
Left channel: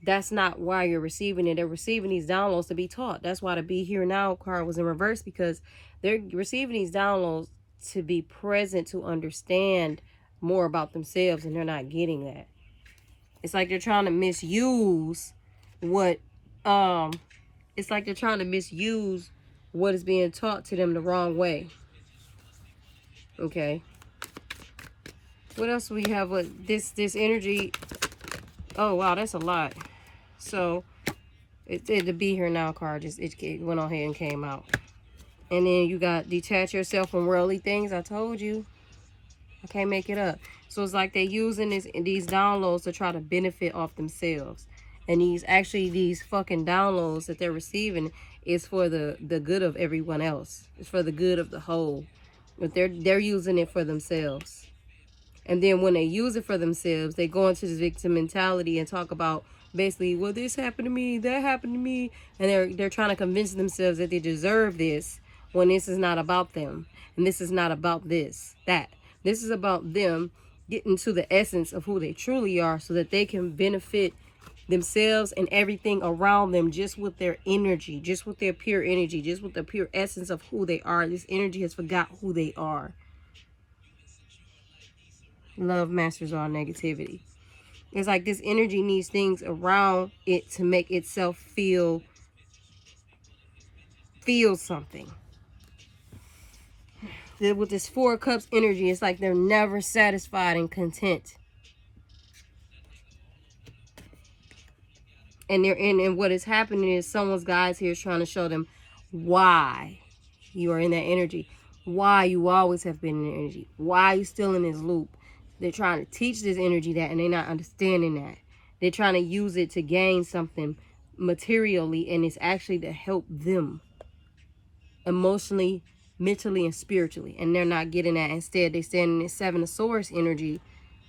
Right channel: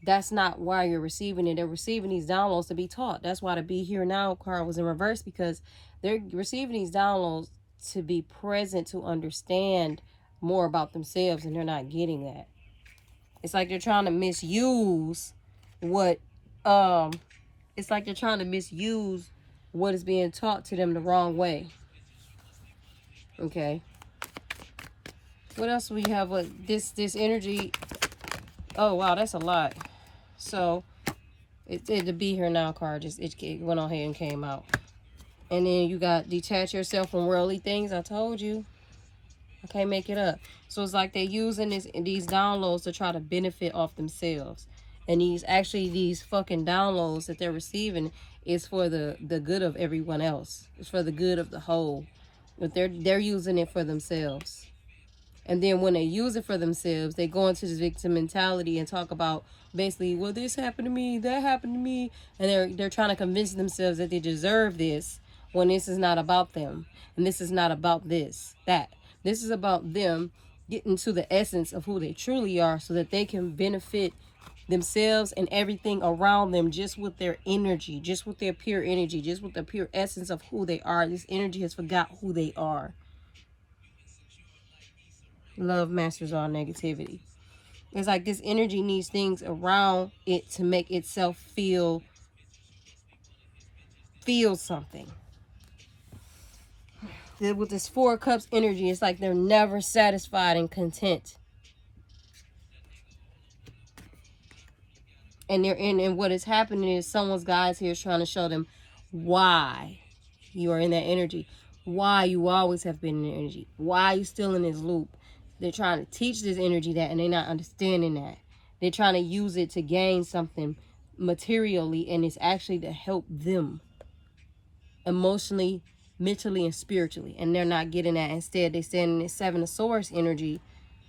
that's not why you're receiving it. They're receiving these downloads to be taught. That's why the Be Here Now card was in reverse, because they're receiving these downloads to be present, to understand more about themselves, and they're not getting that. It's like they're trying to misuse what it's like they're trying to misuse what is being taught to them the wrong way. Okay, what else we have with this energy? Oh wow, that's a lot. So the Be Here Now card just it went on here and came out. And then you got detach yourself from worldly things. I told you, I can't make it up. So it's like they're using these downloads to try to benefit off themselves. And these fucking downloads that they're receiving is for the good of everyone else. It's for the good of the whole. But they're using it for themselves. And then when they use it for themselves, they go into this victim mentality and talk about basically, well, this happened to me, that happened to me. And they're trying to convince themselves that they deserve this, when this is not about them. And this is not about that. This is about them getting to the essence of who they truly are, so that they can benefit themselves and everything around them just with their energy, just with their pure energy, just with the pure essence of who they are. This energy has forgot who they are. Love masters all negativity. It's like this energy needs things around it to make itself feel something. With this Four of Cups energy, it's like they're never satisfied and content. And what is happening is someone's guides here is trying to show them why you are in that energy, why you always have been in the energy, why you still in this loop. They're trying to teach this energy that, and they're not understanding that. They're trying to use it to gain something materially, and it's actually to help them emotionally, mentally, and spiritually. And they're not getting that. Instead, they stand in this Seven of Swords energy,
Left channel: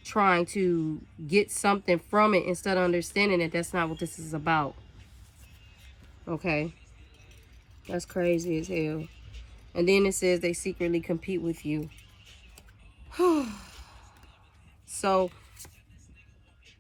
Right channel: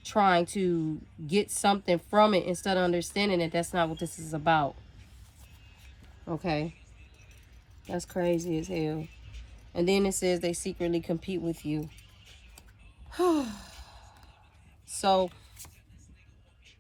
trying to get something from it instead of understanding that that's not what this is about. Okay, that's crazy as hell. And then it says they secretly compete with you. So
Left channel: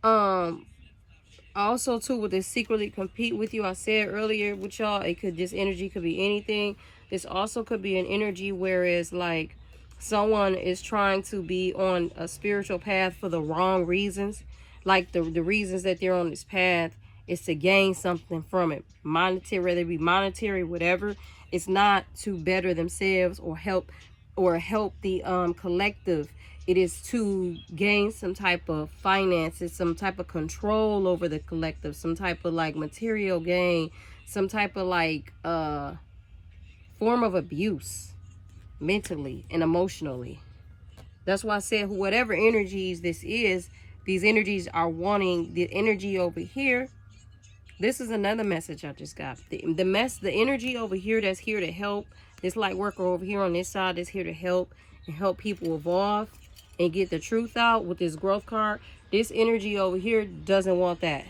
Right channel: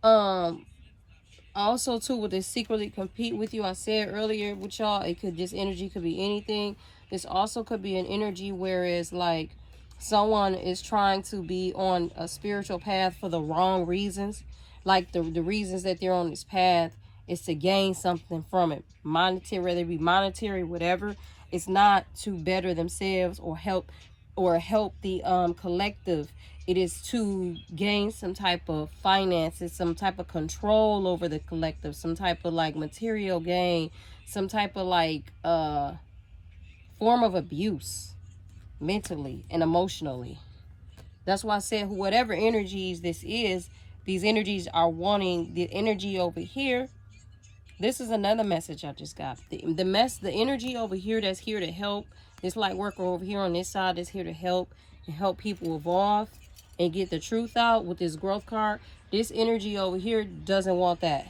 also too, with this secretly compete with you, I said earlier with y'all, it could, this energy could be anything. This also could be an energy whereas like someone is trying to be on a spiritual path for the wrong reasons. Like the reasons that they're on this path is to gain something from it, monetary, whether it be monetary, whatever. It's not to better themselves or help the collective. It is to gain some type of finances, some type of control over the collective, some type of like material gain, some type of like form of abuse mentally and emotionally. That's why I said whatever energies this is, these energies are wanting the energy over here. This is another message I just got. The energy over here that's here to help, this light worker over here on this side is here to help and help people evolve and get the truth out with this growth card. This energy over here doesn't want that.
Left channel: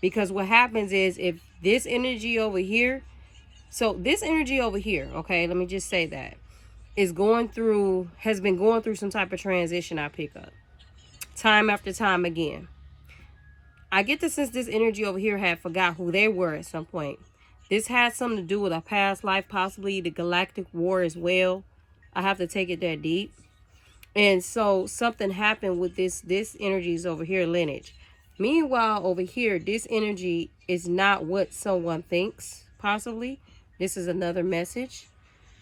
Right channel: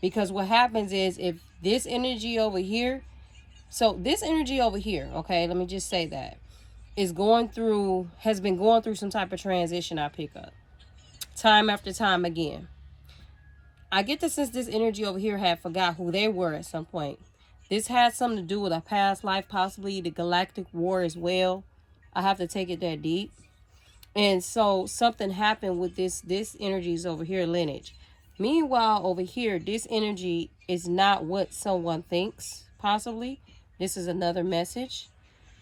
Because what happens is if this energy over here, so this energy over here, okay, let me just say that, has been going through some type of transition. I pick up time after time again. I get the sense this energy over here had forgot who they were at some point. This had something to do with a past life, possibly the galactic war as well. I have to take it that deep. And so something happened with this energy is over here lineage. Meanwhile, over here, this energy is not what someone thinks, possibly. This is another message.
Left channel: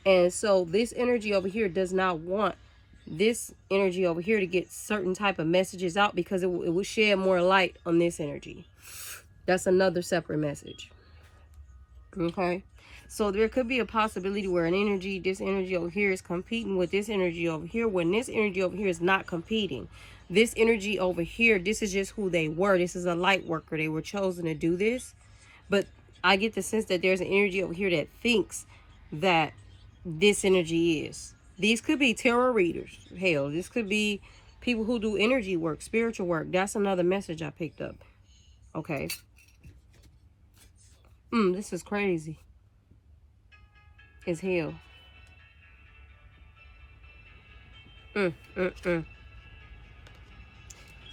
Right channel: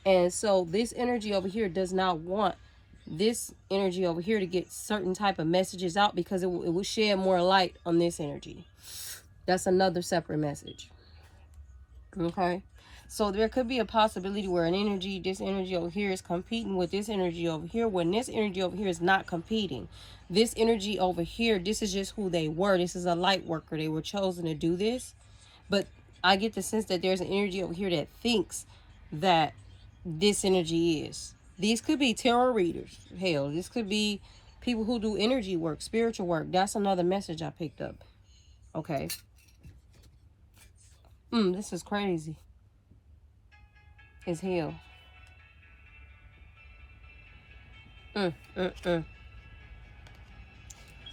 And so this energy over here does not want this energy over here to get certain type of messages out because it would shed more light on this energy. That's another separate message. Okay. So there could be a possibility where this energy over here is competing with this energy over here, when this energy over here is not competing. This energy over here, this is just who they were. This is a light worker. They were chosen to do this. But I get the sense that there's an energy over here that thinks that this energy is. These could be tarot readers. Hell, this could be people who do energy work, spiritual work. That's another message I picked up. Okay. This is crazy as hell.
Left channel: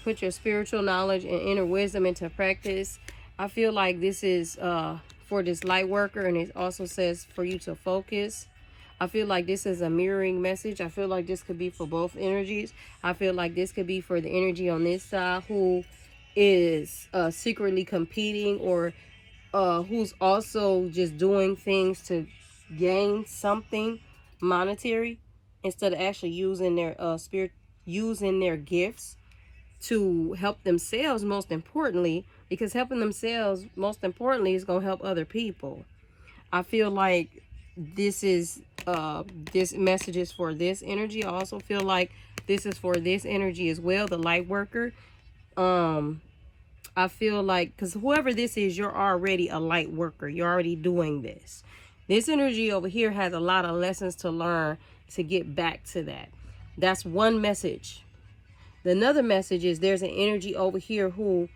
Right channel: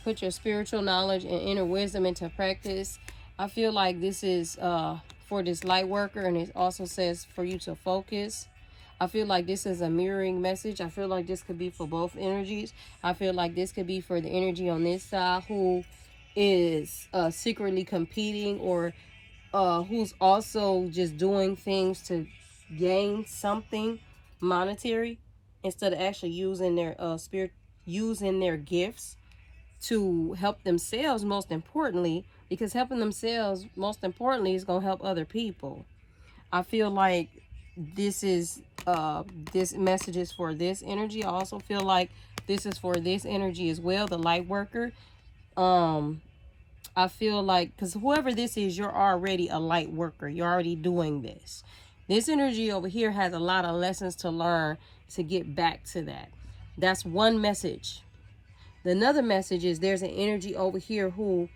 Put your spiritual knowledge and inner wisdom into practice. I feel like this is for this light worker, and it also says for you to focus. I feel like this is a mirroring message. I feel like this could be for both energies. I feel like this could be for the energy on this side who is secretly competing, or who's also just doing things to gain something monetary instead of actually using their using their gifts to help themselves, most importantly, because helping themselves most importantly is going to help other people. I feel like this message is for this energy. I also feel like this is for this energy as well, the light worker. I feel like, because whoever this is, you're already a light worker. You're already doing this. This energy over here has a lot of lessons to learn to get back to that. That's one message. Another message is there's an energy over here who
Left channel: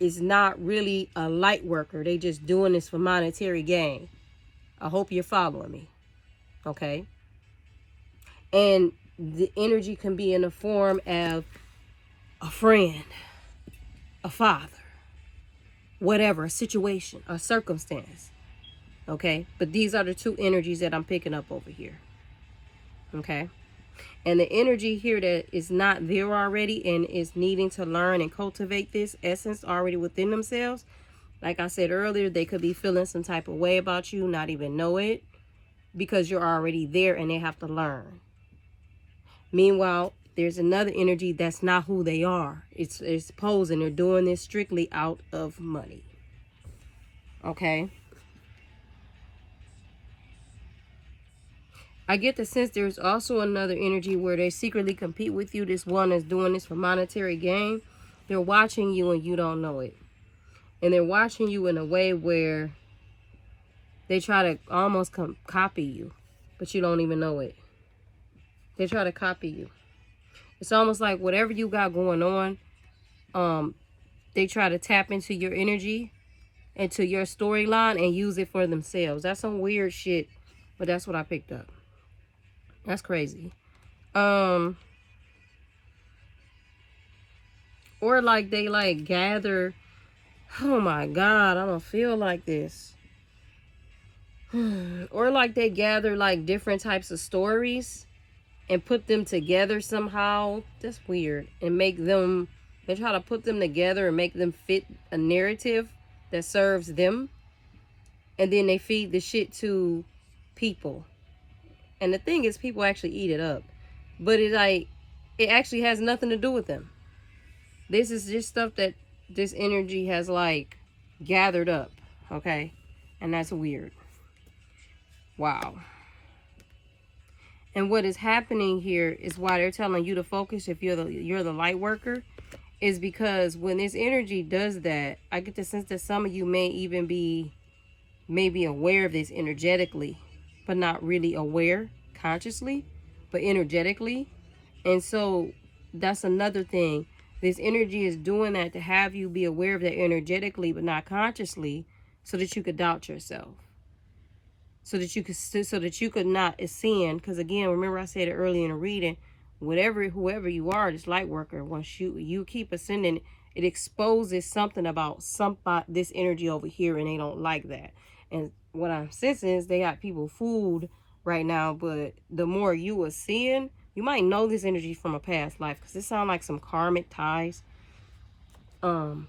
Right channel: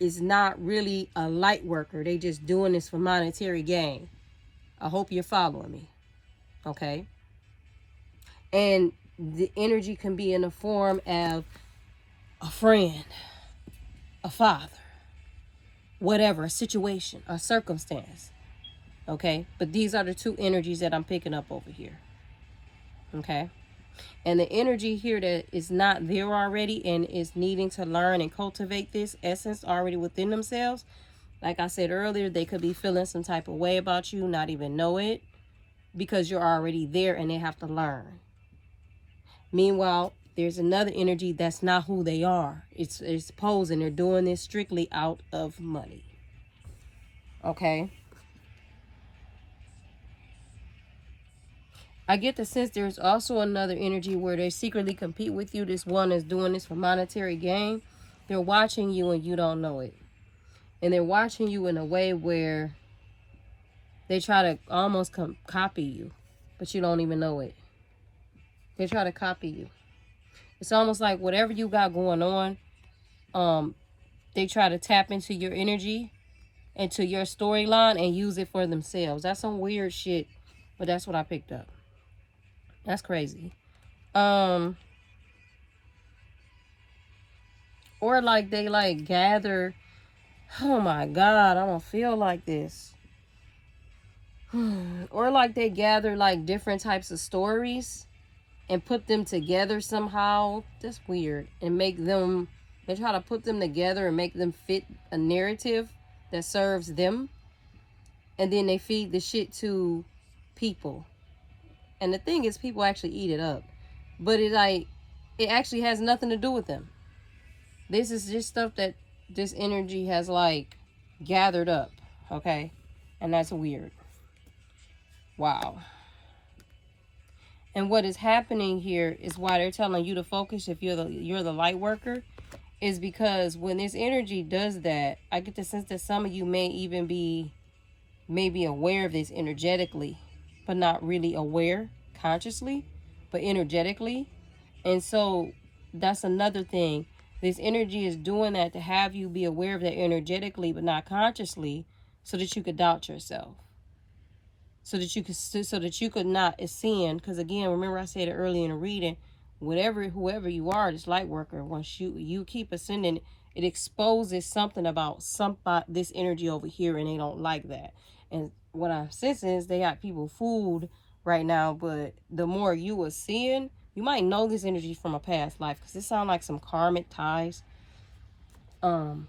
is not really a light worker. They just doing this for monetary gain. I hope you're following me. Okay. And the energy can be in the form of a friend, a father, whatever, a situation, a circumstance. Okay. But these are the two energies that I'm picking up over here. Okay. And the energy here that is not there already and is needing to learn and cultivate this essence already within themselves. Like I said earlier, they could be feeling some type of way about you, not even know it, because you're already there and they have to learn. Meanwhile, there's another energy that's not who they are. It's posing. They're doing this strictly out of money. Okay. I get the sense there's also another energy where they secretly compete with you. This one is doing this for monetary gain. They're watching you and you don't know it. And they're watching you in a way where they try to almost copy you, but you don't even know it. They try to copy you. It's almost like whatever you got going on, they try to tap into your energy, into your storyline, and use it for themselves. That's some weird shit, but that's what I picked up. That's crazy. Or like they like gather. Oh my God, I don't feel like this. Or like they gather like different types of stories and put them together somehow. That's weird. And make them, they try to put them together and make them fit a narrative that serves them. And then they feed the shit to people. And the thing is, people actually eat it up. But it actually has nothing to do with them. This is just stuff that this energy has like gathered up. Okay? And that's weird. Wow. And what is happening here is why they're telling you to focus if you're the light worker, is because when this energy does that, I get the sense that some of you may even be maybe aware of this energetically, but not really aware consciously, but energetically. And so that's another thing. This energy is doing that to have you be aware of that energetically, but not consciously, so that you could doubt yourself. So that you could not ascend. Because again, remember I said it earlier in the reading, whoever you are, this light worker, once you keep ascending, it exposes something about this energy over here, and they don't like that. And what I'm sensing is they got people fooled right now, but the more you ascend, you might know this energy from a past life, because it sounds like some karmic ties. And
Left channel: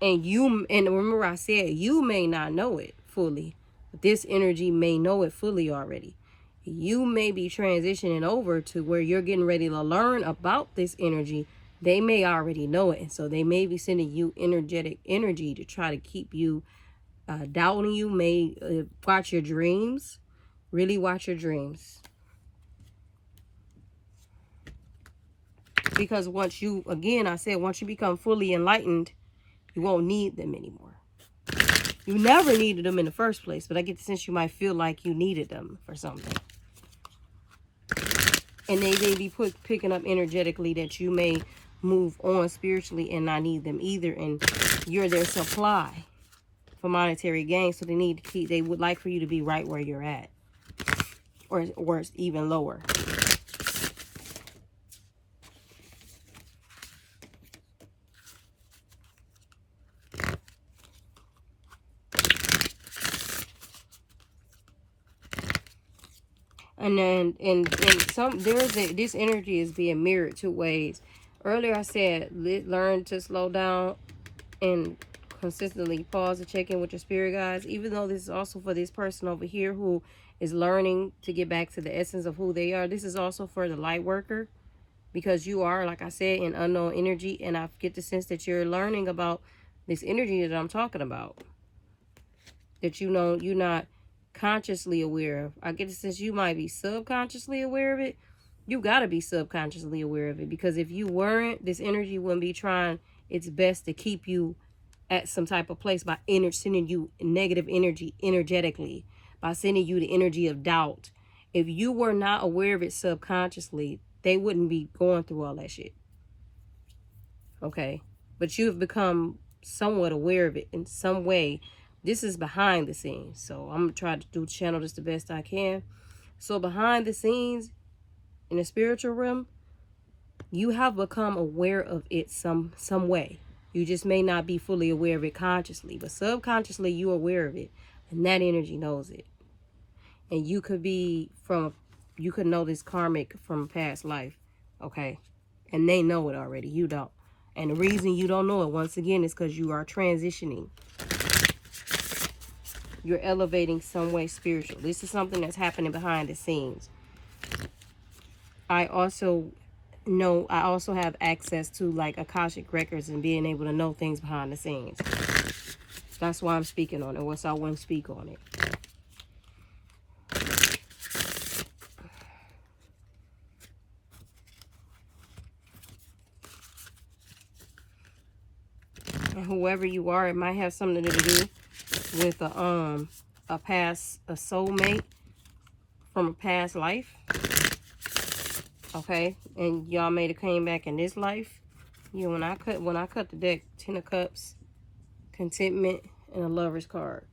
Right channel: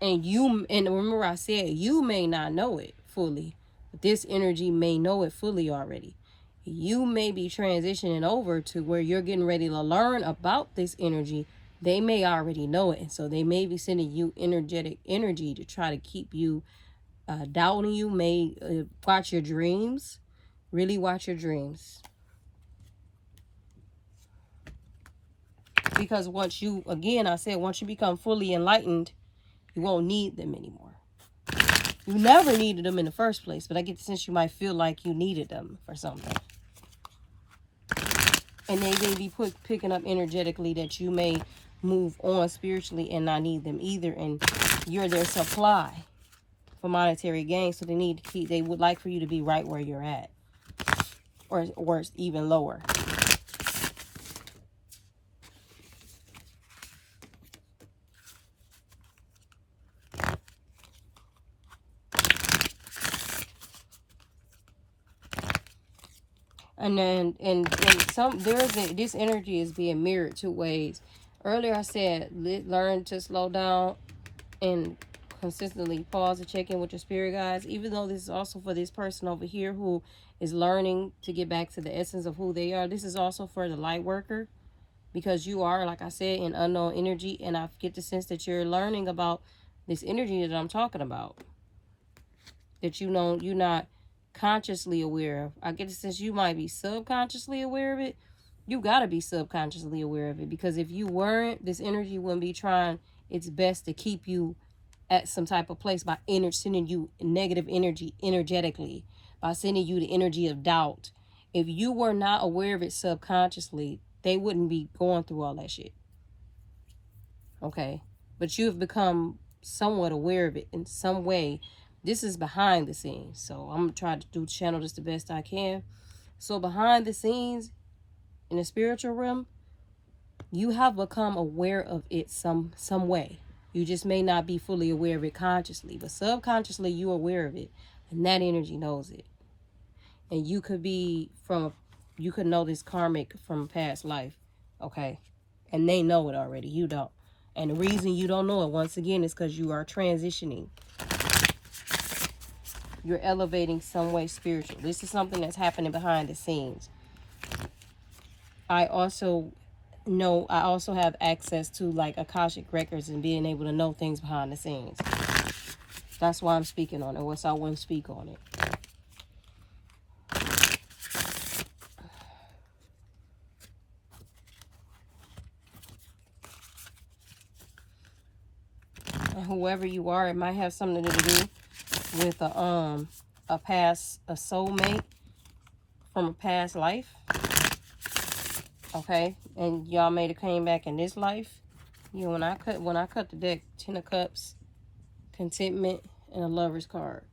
remember I said you may not know it fully. This energy may know it fully already. You may be transitioning over to where you're getting ready to learn about this energy. They may already know it. And so they may be sending you energetic energy to try to keep you doubting you. Watch your dreams. Really watch your dreams. Because once you become fully enlightened, you won't need them anymore. You never needed them in the first place, but I get the sense you might feel like you needed them for something. And they may be picking up energetically that you may move on spiritually and not need them either. And you're their supply for monetary gain. So they would like for you to be right where you're at. Or even lower. This energy is being mirrored two ways. Earlier I said learn to slow down and consistently pause and check in with your spirit guides. Even though this is also for this person over here who is learning to get back to the essence of who they are. This is also for the light worker, because you are, like I said, in unknown energy, and I get the sense that you're learning about this energy that I'm talking about, that you're not consciously aware of. I get the sense you might be subconsciously aware of it. You got to be subconsciously aware of it, because if you weren't, this energy wouldn't be trying its best to keep you at some type of place by sending you negative energy energetically, by sending you the energy of doubt. If you were not aware of it subconsciously, they wouldn't be going through all that shit. Okay? But you've become somewhat aware of it in some way. This is behind the scenes. So I'm going to try to channel this the best I can. So behind the scenes, in the spiritual realm, you have become aware of it some way. You just may not be fully aware of it consciously, but subconsciously you're aware of it, and that energy knows it. And you could know this karmic from a past life, okay? And they know it already. You don't. And the reason you don't know it, once again, is because you are transitioning. You're elevating some way spiritual. This is something that's happening behind the scenes. I also have access to like Akashic records and being able to know things behind the scenes. That's why I'm speaking on it. What's I wouldn't speak on it. And whoever you are, it might have something to do with a soulmate from a past life. Okay, and y'all may have came back in this life. You know, when I cut the deck, 10 of Cups, Contentment, and a Lover's card.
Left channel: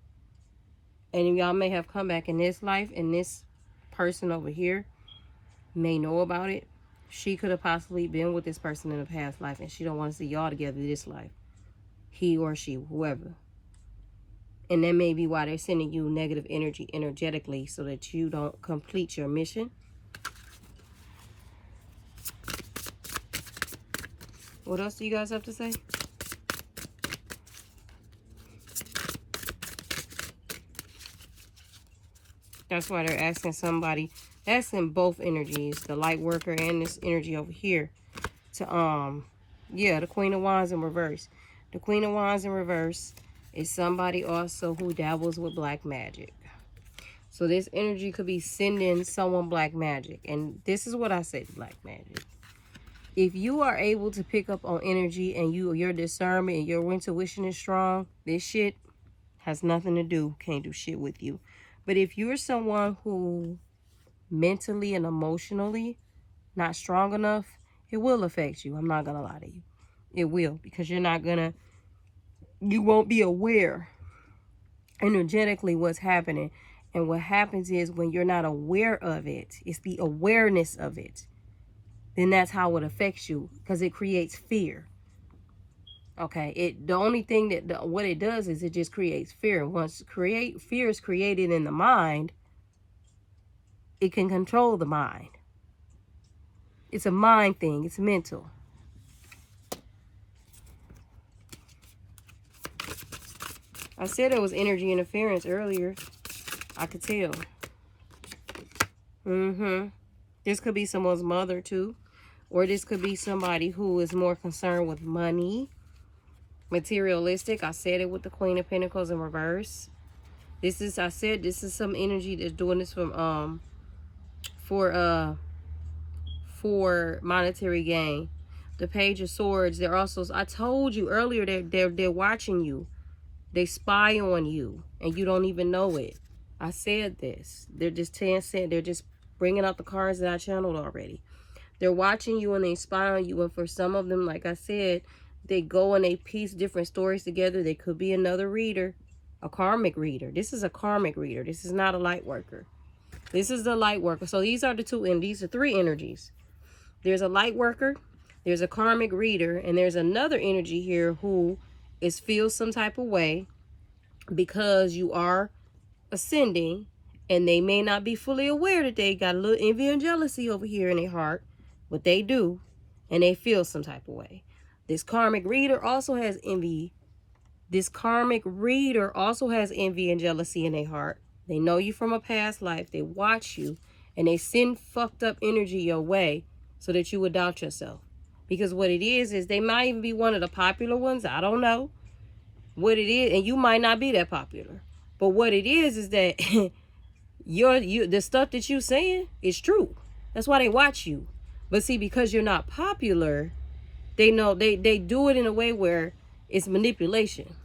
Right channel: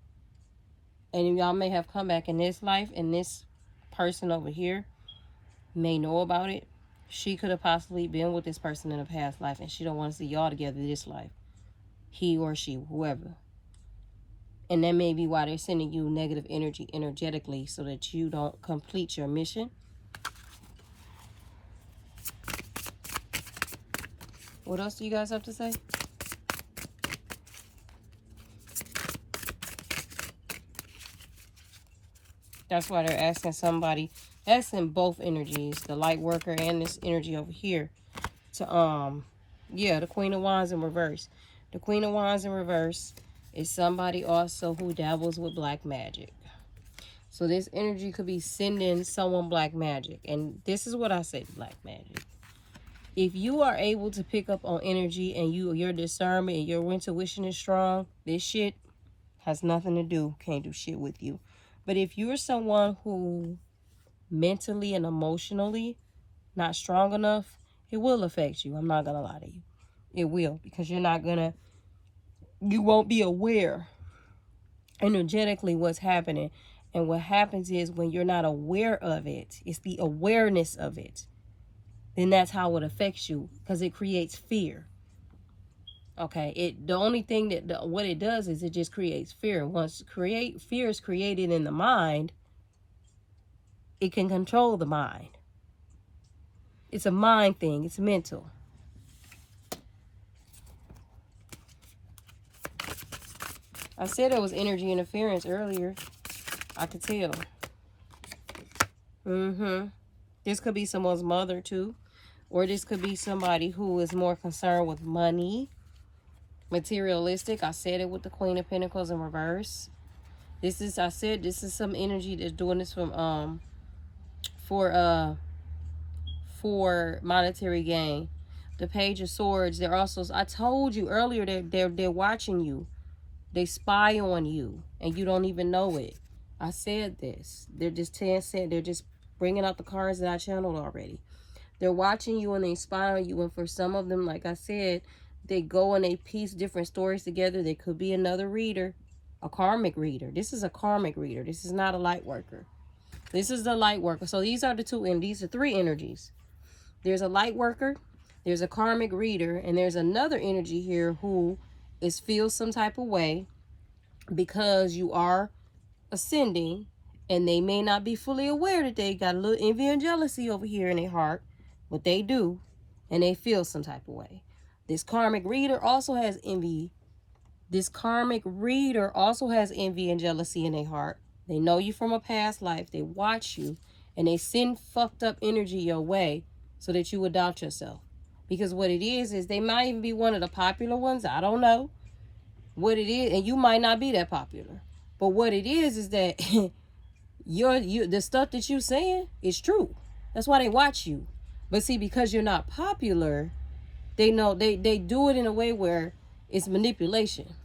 And y'all may have come back in this life, and this person over here may know about it. She could have possibly been with this person in a past life, and she don't want to see y'all together this life. He or she, whoever. And that may be why they're sending you negative energy energetically, so that you don't complete your mission. What else do you guys have to say? That's why they're asking somebody, asking both energies, the light worker and this energy over here, to, yeah, the Queen of Wands in reverse. The Queen of Wands in reverse is somebody also who dabbles with black magic. So this energy could be sending someone black magic. And this is what I say to black magic. If you are able to pick up on energy and your discernment and your intuition is strong, this shit has nothing to do, can't do shit with you. But if you're someone who mentally and emotionally not strong enough, it will affect you. I'm not going to lie to you. It will, because you won't be aware energetically what's happening. And what happens is when you're not aware of it, it's the awareness of it. Then that's how it affects you, because it creates fear. Okay, the only thing that what it does is it just creates fear. Once fear is created in the mind, it can control the mind. It's a mind thing. It's mental. I said there was energy interference earlier. I could tell. This could be someone's mother too. Or this could be somebody who is more concerned with money. Materialistic. I said it with the Queen of Pentacles in reverse. This is some energy that's doing this from for monetary gain. The Page of Swords, they're also, I told you earlier that they're watching you. They spy on you and you don't even know it. I said this. They're just they're just bringing out the cards that I channeled already. They're watching you and they spy on you, and for some of them, like I said, they go and they piece different stories together. They could be another reader, a karmic reader. This is a karmic reader. This is not a light worker. This is the light worker. So these are the two, and these are three energies. There's a light worker, there's a karmic reader, and there's another energy here who feels some type of way because you are ascending, and they may not be fully aware that they got a little envy and jealousy over here in their heart, but they do, and they feel some type of way. This karmic reader also has envy. This karmic reader also has envy and jealousy in their heart. They know you from a past life. They watch you, and they send fucked up energy your way so that you would doubt yourself. Because what it is they might even be one of the popular ones. I don't know what it is, and you might not be that popular. But what it is that the stuff that you're saying is true. That's why they watch you. But see, because you're not popular, they know they do it in a way where it's manipulation.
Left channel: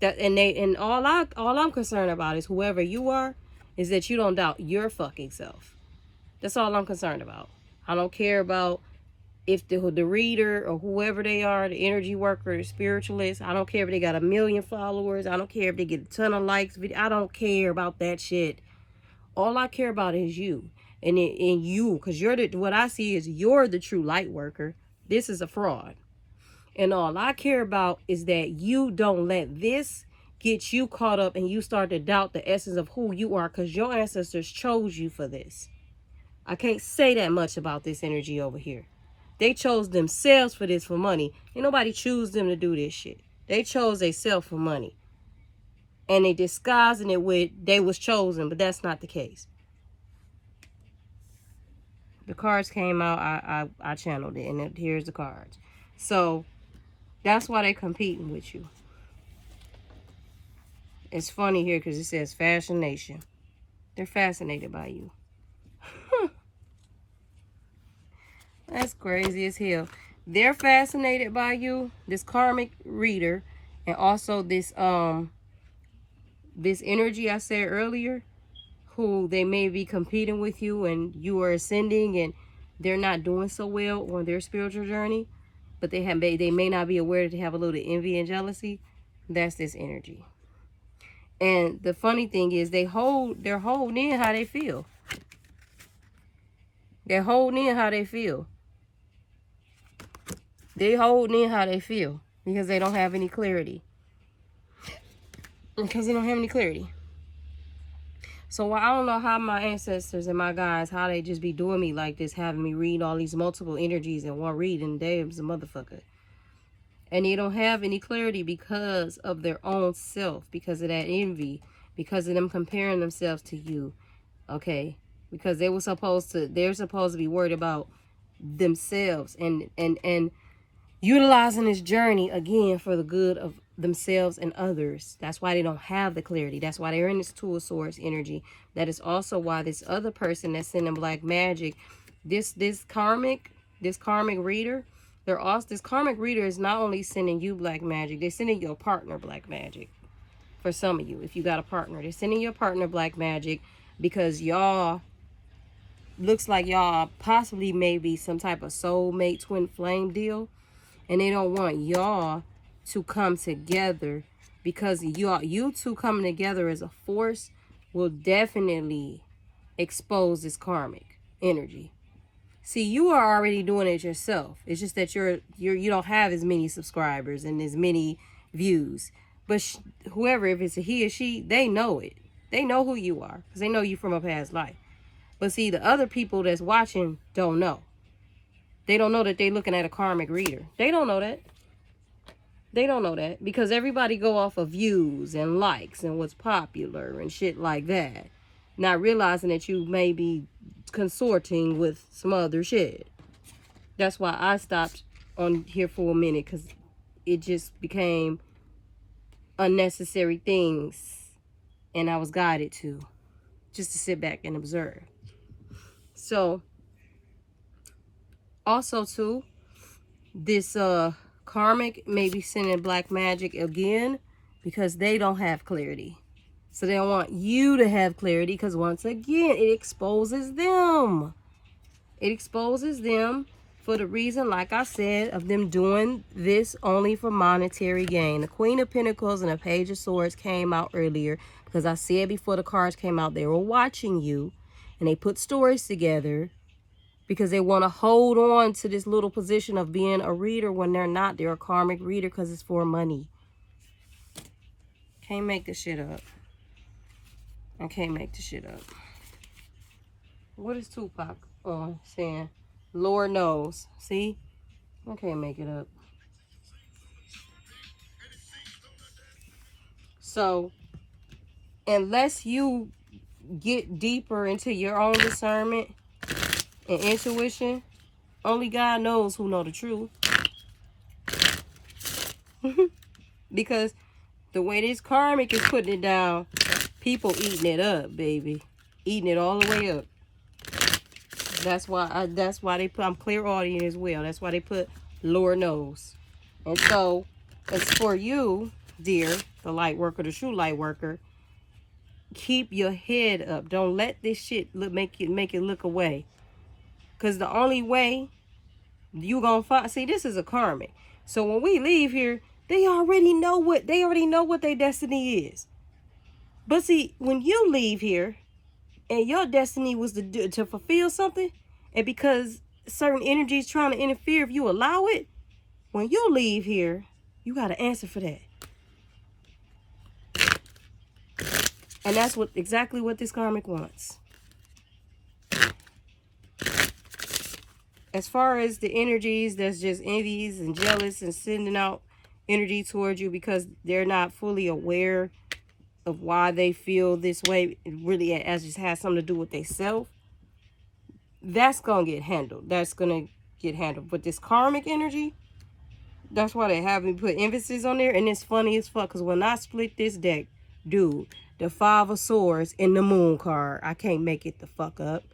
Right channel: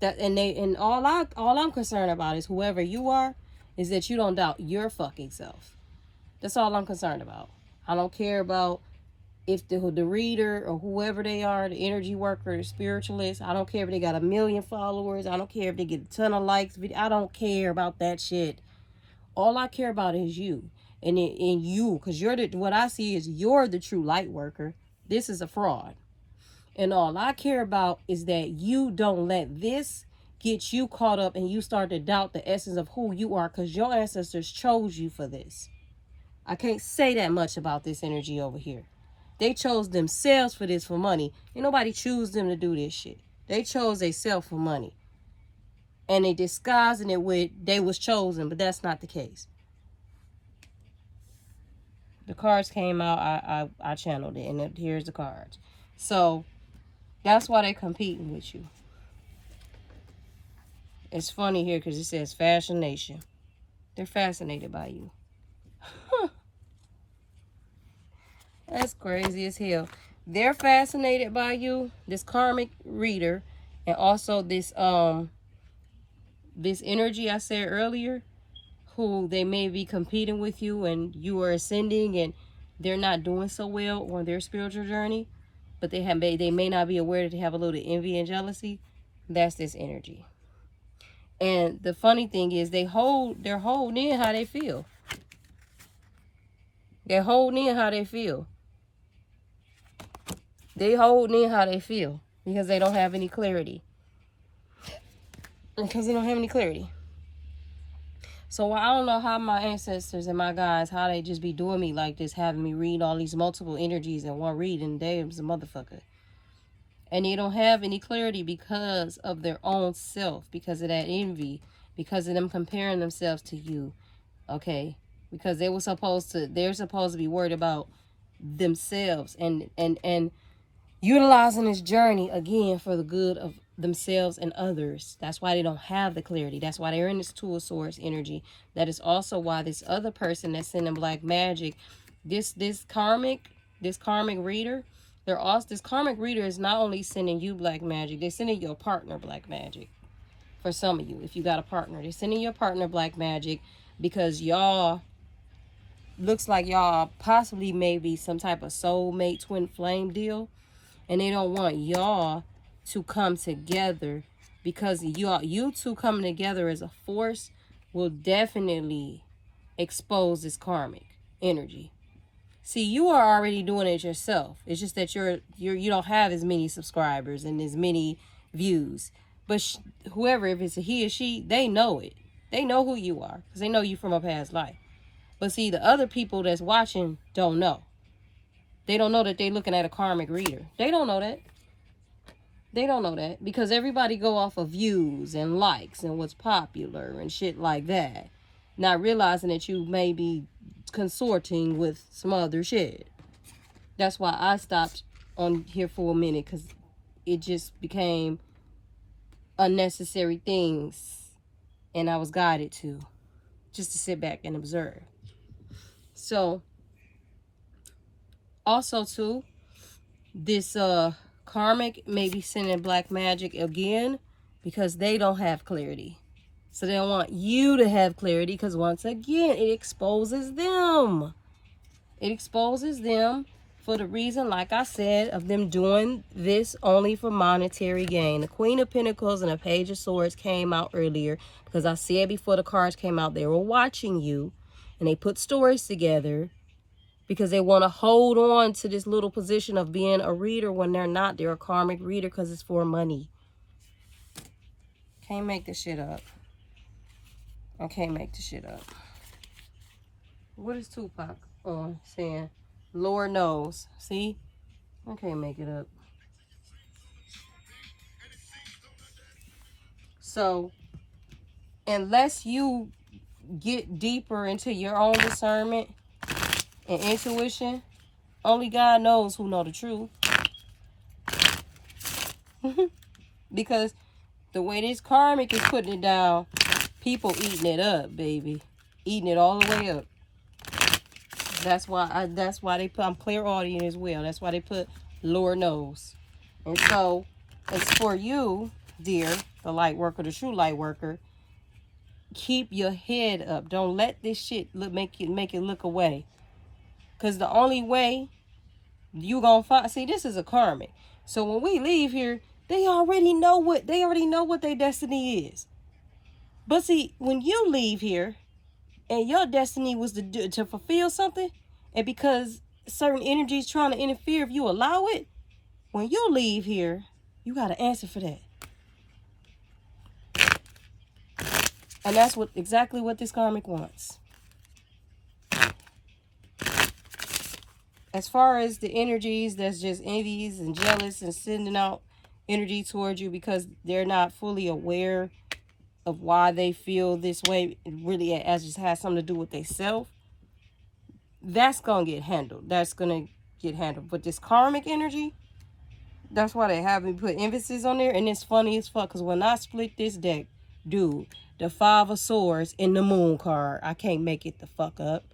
And all I'm concerned about is whoever you are, is that you don't doubt your fucking self. That's all I'm concerned about. I don't care about if the reader or whoever they are, the energy worker, the spiritualist. I don't care if they got 1 million followers. I don't care if they get a ton of likes. I don't care about that shit. All I care about is you. And you, because what I see is you're the true light worker. This is a fraud. And all I care about is that you don't let this get you caught up and you start to doubt the essence of who you are, because your ancestors chose you for this. I can't say that much about this energy over here. They chose themselves for this, for money. Ain't nobody choose them to do this shit. They chose themselves for money. And they disguising it with they was chosen, but that's not the case. The cards came out, I channeled it, and here's the cards. So that's why they competing with you. It's funny here because it says fascination. They're fascinated by you. That's crazy as hell. They're fascinated by you, this karmic reader, and also this energy I said earlier, who they may be competing with you and you are ascending and they're not doing so well on their spiritual journey, but they may not be aware that they have a little envy and jealousy. That's this energy. And the funny thing is they're holding in how they feel. They're holding in how they feel. They holding in how they feel because they don't have any clarity. Because they don't have any clarity. So I don't know how my ancestors and my guys, how they just be doing me like this, having me read all these multiple energies in one reading. They's a motherfucker. And they don't have any clarity because of their own self, because of that envy, because of them comparing themselves to you. Okay? Because they're supposed to be worried about themselves and utilizing this journey again for the good of themselves and others. That's why they don't have the clarity. That's why they're in this Two of Swords energy. That is also why this other person that's sending black magic, this karmic reader, this karmic reader is not only sending you black magic, they're sending your partner black magic. For some of you, if you got a partner, they're sending your partner black magic because y'all, looks like y'all possibly maybe some type of soulmate twin flame deal. And they don't want y'all to come together because you two coming together as a force will definitely expose this karmic energy. See, you are already doing it yourself. It's just that you don't have as many subscribers and as many views. But whoever, if it's a he or she, they know it. They know who you are because they know you from a past life. But see, the other people that's watching don't know. They don't know that they're looking at a karmic reader. They don't know that. They don't know that because everybody go off of views and likes and what's popular and shit like that. Not realizing that you may be consorting with some other shit. That's why I stopped on here for a minute because it just became unnecessary things and I was guided to just to sit back and observe. So also too, this karmic may be sending black magic again because they don't have clarity. So they don't want you to have clarity because once again, it exposes them. It exposes them for the reason, like I said, of them doing this only for monetary gain. The Queen of Pentacles and the Page of Swords came out earlier because I said before the cards came out, they were watching you and they put stories together because they want to hold on to this little position of being a reader when they're not. They're a karmic reader because it's for money. Can't make this shit up. I can't make this shit up. What is Tupac saying? Lord knows. See? I can't make it up. So, unless you get deeper into your own discernment and intuition, only God knows who know the truth. Because the way this karmic is putting it down, people eating it up, baby. Eating it all the way up. That's why they put, I'm clairaudient as well. That's why they put Lord knows. And so it's for you, dear, the light worker, the true light worker. Keep your head up. Don't let this shit make it look away. Because the only way you gonna find, see, this is a karmic. So when we leave here, they already know what their destiny is. But see, when you leave here and your destiny was to fulfill something, and because certain energies trying to interfere, if you allow it, when you leave here, you got to answer for that. And that's exactly what this karmic wants. As far as the energies that's just envious and jealous and sending out energy towards you because they're not fully aware of why they feel this way, it really as just has something to do with they self, that's gonna get handled. That's gonna get handled. But this karmic energy, that's why they have me put emphasis on there. And it's funny as fuck because when I split this deck, Dude, the Five of Swords in the Moon card. I can't make it the fuck up.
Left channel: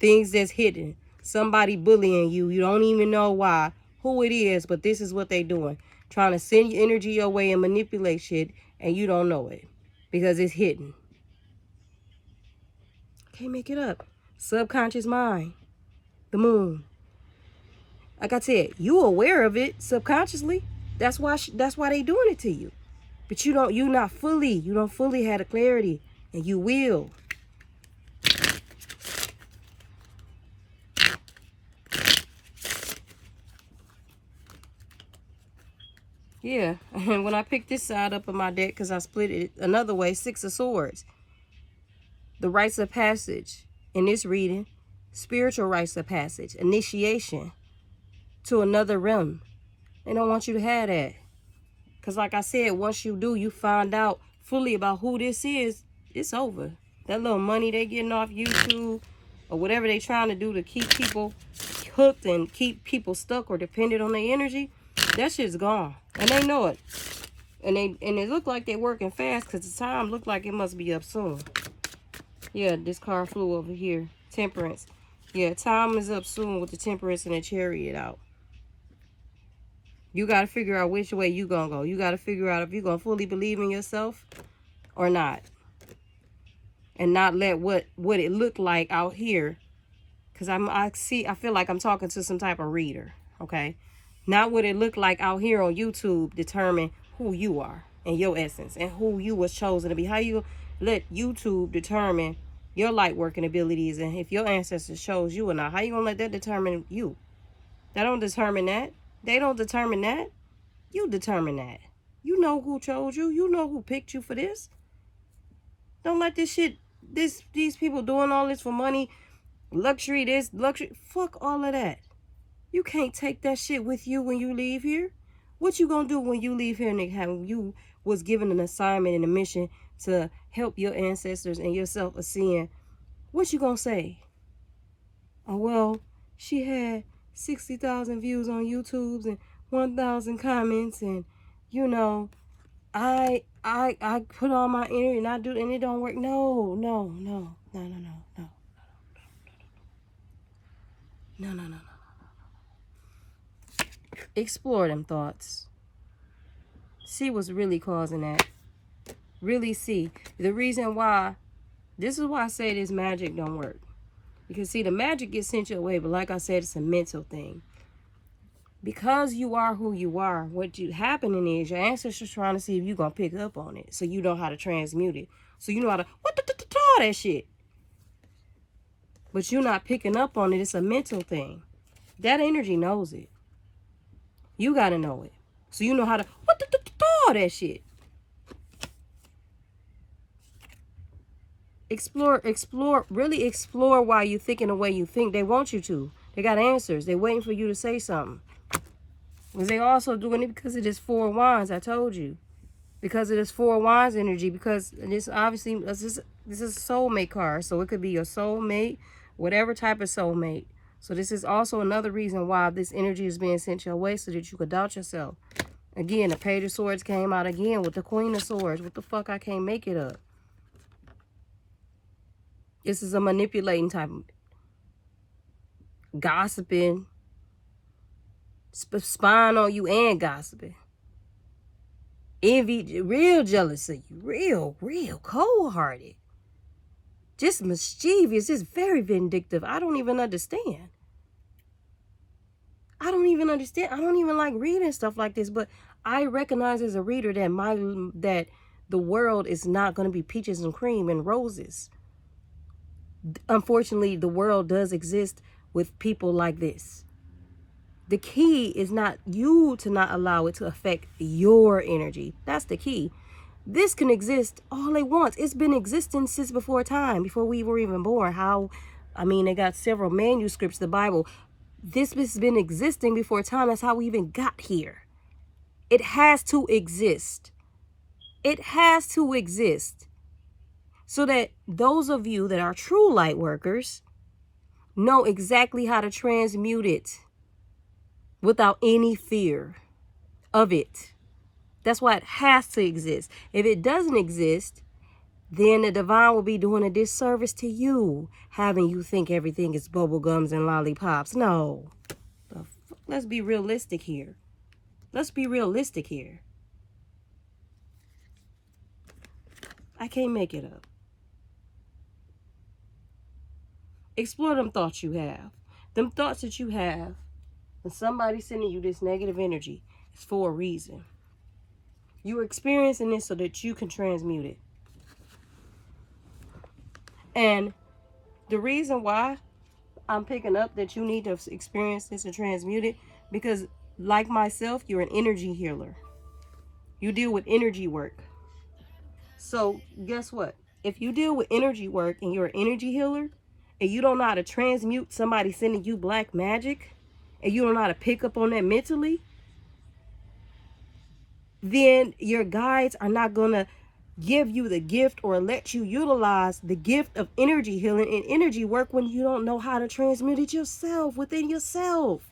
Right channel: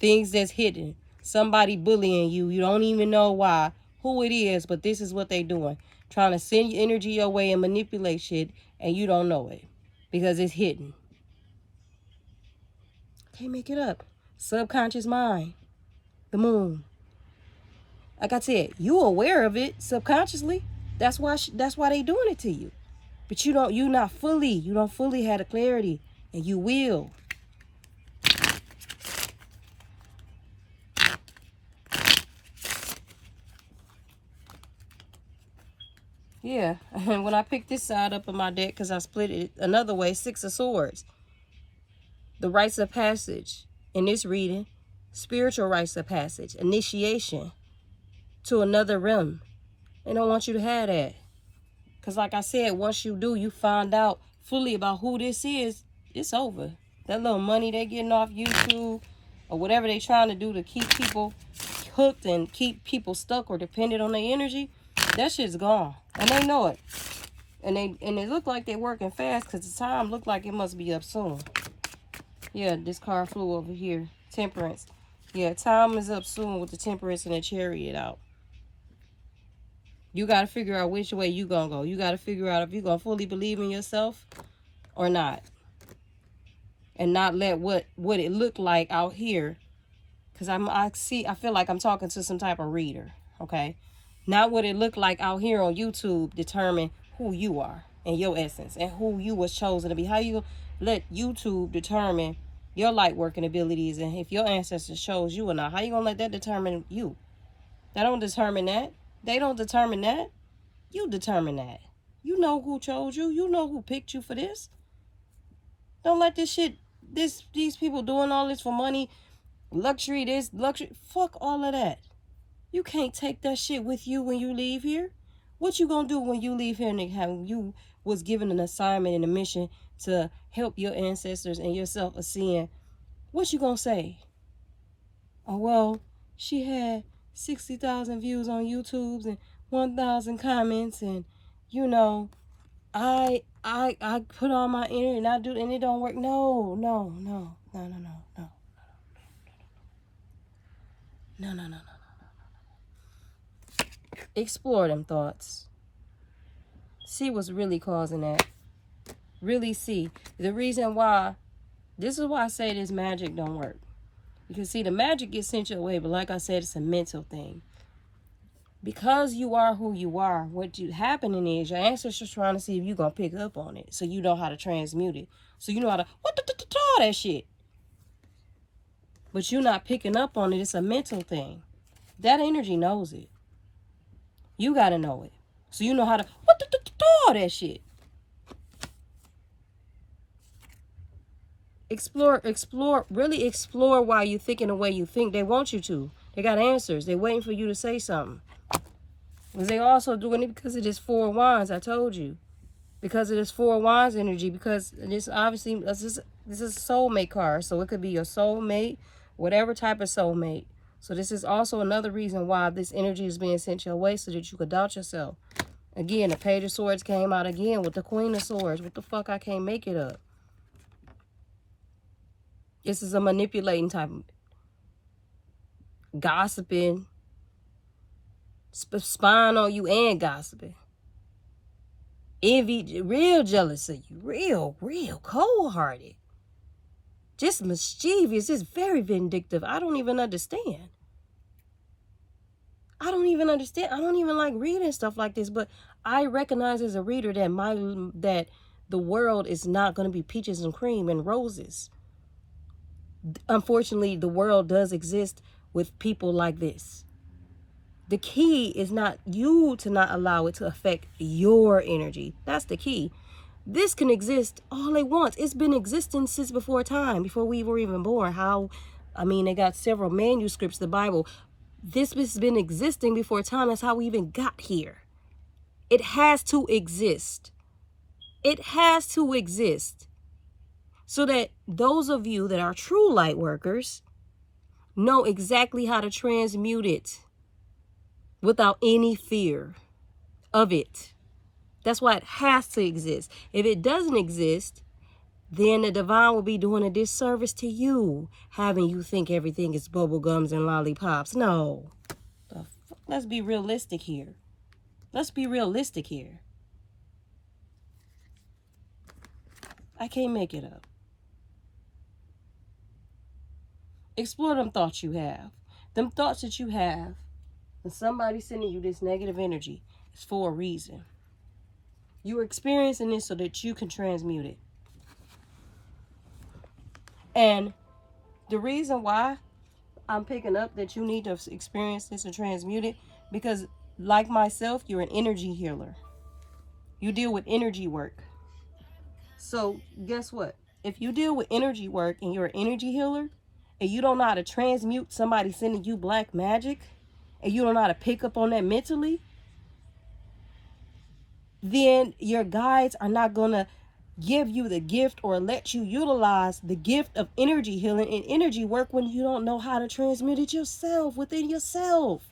Things that's hidden. Somebody bullying you. You don't even know why. Who it is, but this is what they doing. Trying to send your energy your way and manipulate shit, and you don't know it. Because it's hidden. Can't make it up. Subconscious mind. The moon. Like I said, you aware of it subconsciously. That's why they doing it to you. But you don't fully have the clarity, and you will. Yeah, and when I picked this side up in my deck, because I split it another way, Six of Swords. The rites of passage in this reading, spiritual rites of passage, initiation to another realm. They don't want you to have that. Because like I said, once you do, you find out fully about who this is, it's over. That little money they getting off YouTube or whatever they trying to do to keep people hooked and keep people stuck or dependent on their energy, that shit's gone. And they know it. And it look like they working fast because the time look like it must be up soon. Yeah, this card flew over here. Temperance. Yeah, time is up soon with the Temperance and the Chariot out. You got to figure out which way you going to go. You got to figure out if you're going to fully believe in yourself or not. And not let what it looked like out here. Because I feel like I'm talking to some type of reader. Okay? Not what it looked like out here on YouTube determine who you are and your essence and who you was chosen to be. How you let YouTube determine your light working abilities and if your ancestors chose you or not? How you gonna let that determine you? That don't determine that. They don't determine that. You determine that. You know who chose you. You know who picked you for this. Don't let this shit, these people doing all this for money, luxury, this, luxury. Fuck all of that. You can't take that shit with you when you leave here. What you gonna do when you leave here, nigga? How you was given an assignment and a mission to help your ancestors and yourself ascend. What you gonna say? Oh, well, she had 60,000 views on YouTube and 1,000 comments, and you know, I put all my energy and I do, and it don't work. No. Explore them thoughts. See what's really causing that. Really see. The reason why, this is why I say this magic don't work. Because see, the magic gets sent your way, but like I said, it's a mental thing. Because you are who you are, happening is your ancestors trying to see if you're going to pick up on it. So you know how to transmute it. So you know how to, that shit. But you're not picking up on it. It's a mental thing. That energy knows it. You got to know it. So you know how to, that shit. Really explore why you thinking the way you think. They want you to. They got answers. They're waiting for you to say something. Because they also doing it because of this Four of Wands, I told you. Because of this Four of Wands energy. Because this obviously, this is a soulmate card. So it could be your soulmate, whatever type of soulmate. So this is also another reason why this energy is being sent your way so that you could doubt yourself. Again, the Page of Swords came out again with the Queen of Swords. What the fuck? I can't make it up. This is a manipulating type of gossiping, spying on you and gossiping. Envy, real jealous of you. Real cold-hearted. Just mischievous. Just very vindictive. I don't even understand. I don't even like reading stuff like this, but I recognize as a reader that the world is not going to be peaches and cream and roses. Unfortunately, the world does exist with people like this. The key is not you to not allow it to affect your energy. That's the key. This can exist all it wants. It's been existing since before time, before we were even born. They got several manuscripts, the Bible. This has been existing before time. That's how we even got here. It has to exist. It has to exist. So that those of you that are true light workers know exactly how to transmute it without any fear of it. That's why it has to exist. If it doesn't exist, then the divine will be doing a disservice to you, having you think everything is bubble gums and lollipops. No. Let's be realistic here. Let's be realistic here. I can't make it up. Explore them thoughts you have. Them thoughts that you have, and somebody sending you this negative energy, is for a reason. You're experiencing this so that you can transmute it. And the reason why I'm picking up that you need to experience this and transmute it, because like myself, you're an energy healer. You deal with energy work. So guess what? If you deal with energy work and you're an energy healer and you don't know how to transmute somebody sending you black magic and you don't know how to pick up on that mentally, then your guides are not going to give you the gift or let you utilize the gift of energy healing and energy work when you don't know how to transmute it yourself, within yourself.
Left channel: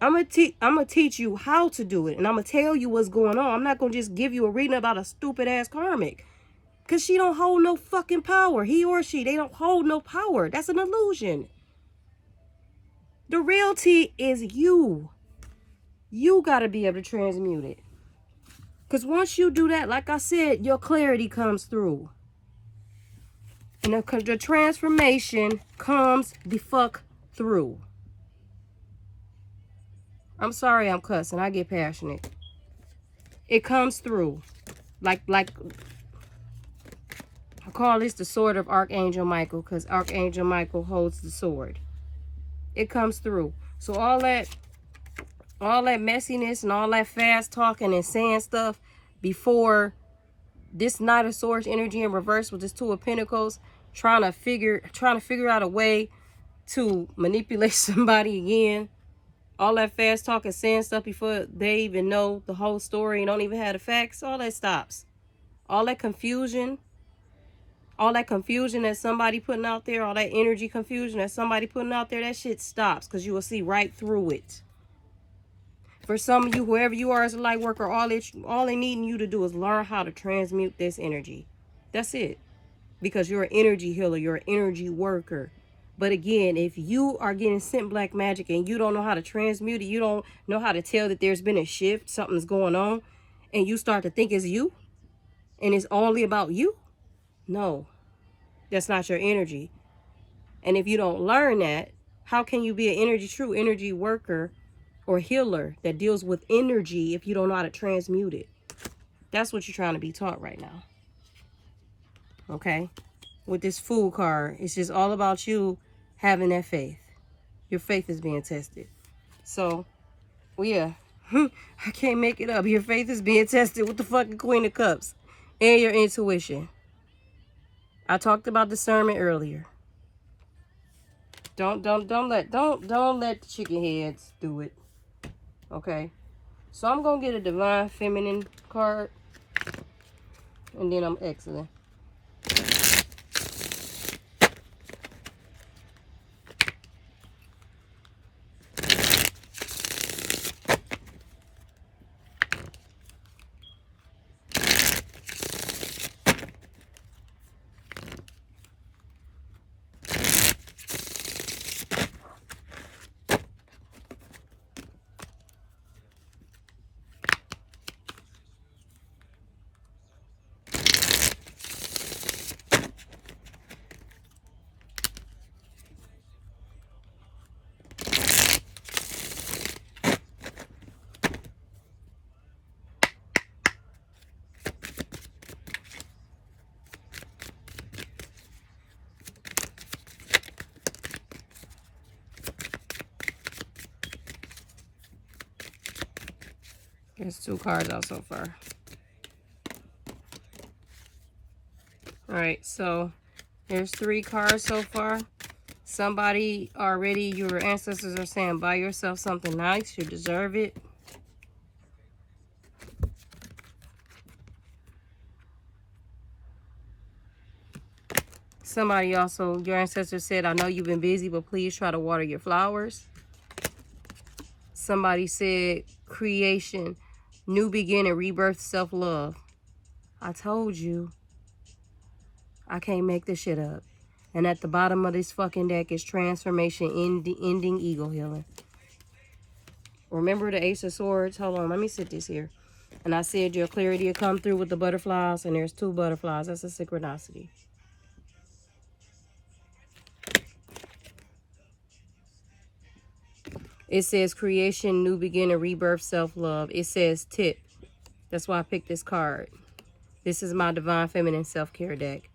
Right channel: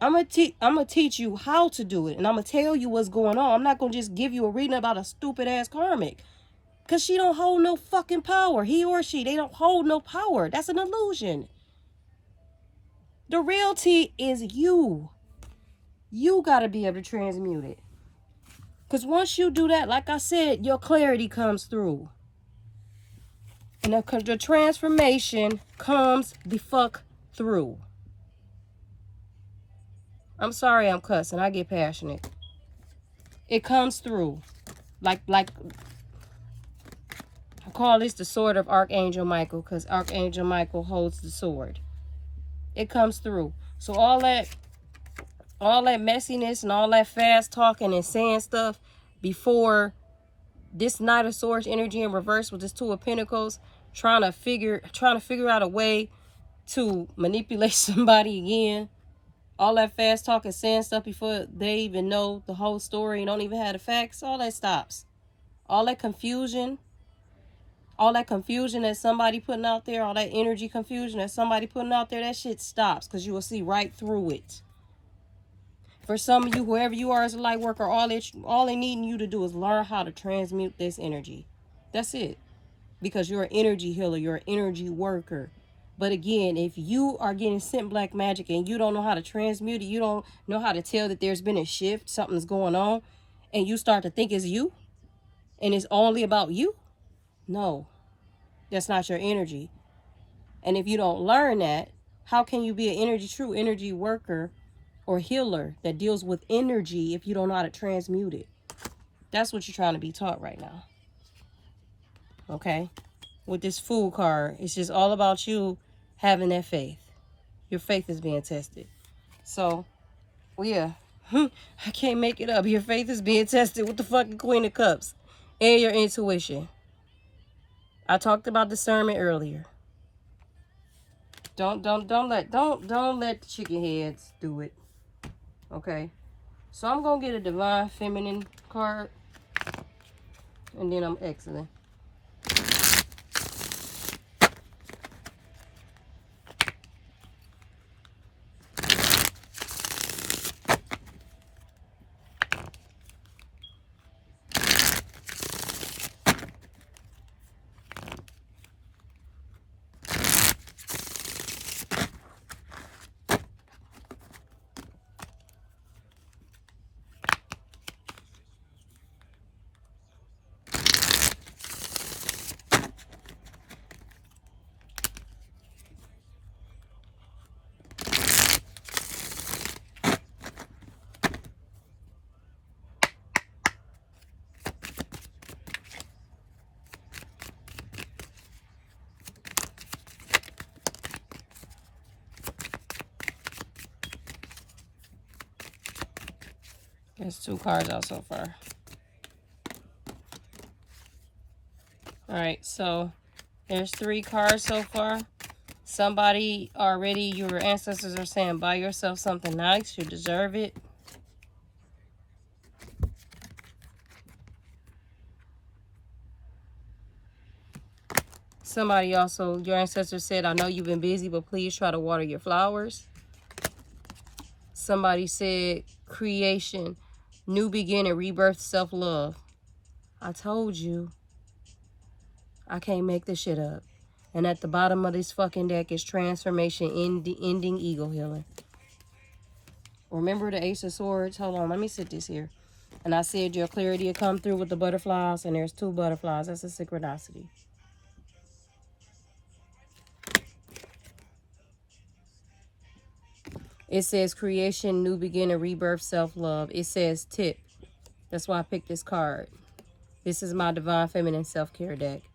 I'm gonna teach you how to do it, and I'm gonna tell you what's going on. I'm not gonna just give you a reading about a stupid ass karmic, because she don't hold no fucking power. He or she, they don't hold no power. That's an illusion. The reality is you. You gotta be able to transmute it. Because once you do that, like I said, your clarity comes through. And the transformation comes the fuck through. I'm sorry I'm cussing. I get passionate. It comes through. Like I call this the sword of Archangel Michael, because Archangel Michael holds the sword. It comes through. So all that messiness and all that fast talking and saying stuff before this Knight of Swords energy in reverse with this Two of Pentacles, trying to figure out a way to manipulate somebody again. All that fast talking, saying stuff before they even know the whole story and don't even have the facts, all that stops. All that confusion that somebody putting out there, all that energy confusion that somebody putting out there, that shit stops, because you will see right through it. For some of you, whoever you are as a light worker, all they needing you to do is learn how to transmute this energy. That's it. Because you're an energy healer, you're an energy worker. But again, if you are getting sent black magic and you don't know how to transmute it, you don't know how to tell that there's been a shift, something's going on, and you start to think it's you, and it's only about you, no, that's not your energy. And if you don't learn that, how can you be an true energy worker or healer that deals with energy if you don't know how to transmute it? That's what you're trying to be taught right now. Okay? With this Fool card, it's just all about you having that faith. Your faith is being tested. So, well, yeah. I can't make it up. Your faith is being tested with the fucking Queen of Cups. And your intuition. I talked about discernment earlier. Don't let the chicken heads do it. Okay? So I'm gonna get a Divine Feminine card. And then I'm exiting. There's 2 cards out so far. Alright, so there's 3 cards so far. Somebody already, your ancestors are saying, buy yourself something nice. You deserve it. Somebody also, your ancestors said, I know you've been busy, but please try to water your flowers. Somebody said creation, new beginning, rebirth, self-love. I told you, I can't make this shit up. And at the bottom of this fucking deck is transformation, ending, ego healing. Remember the Ace of Swords? Hold on, let me sit this here. And I said your clarity will come through with the butterflies, and there's 2 butterflies. That's a synchronicity. It says creation, new beginning, rebirth, self-love. It says tip. That's why I picked this card. This is my Divine Feminine Self-Care deck.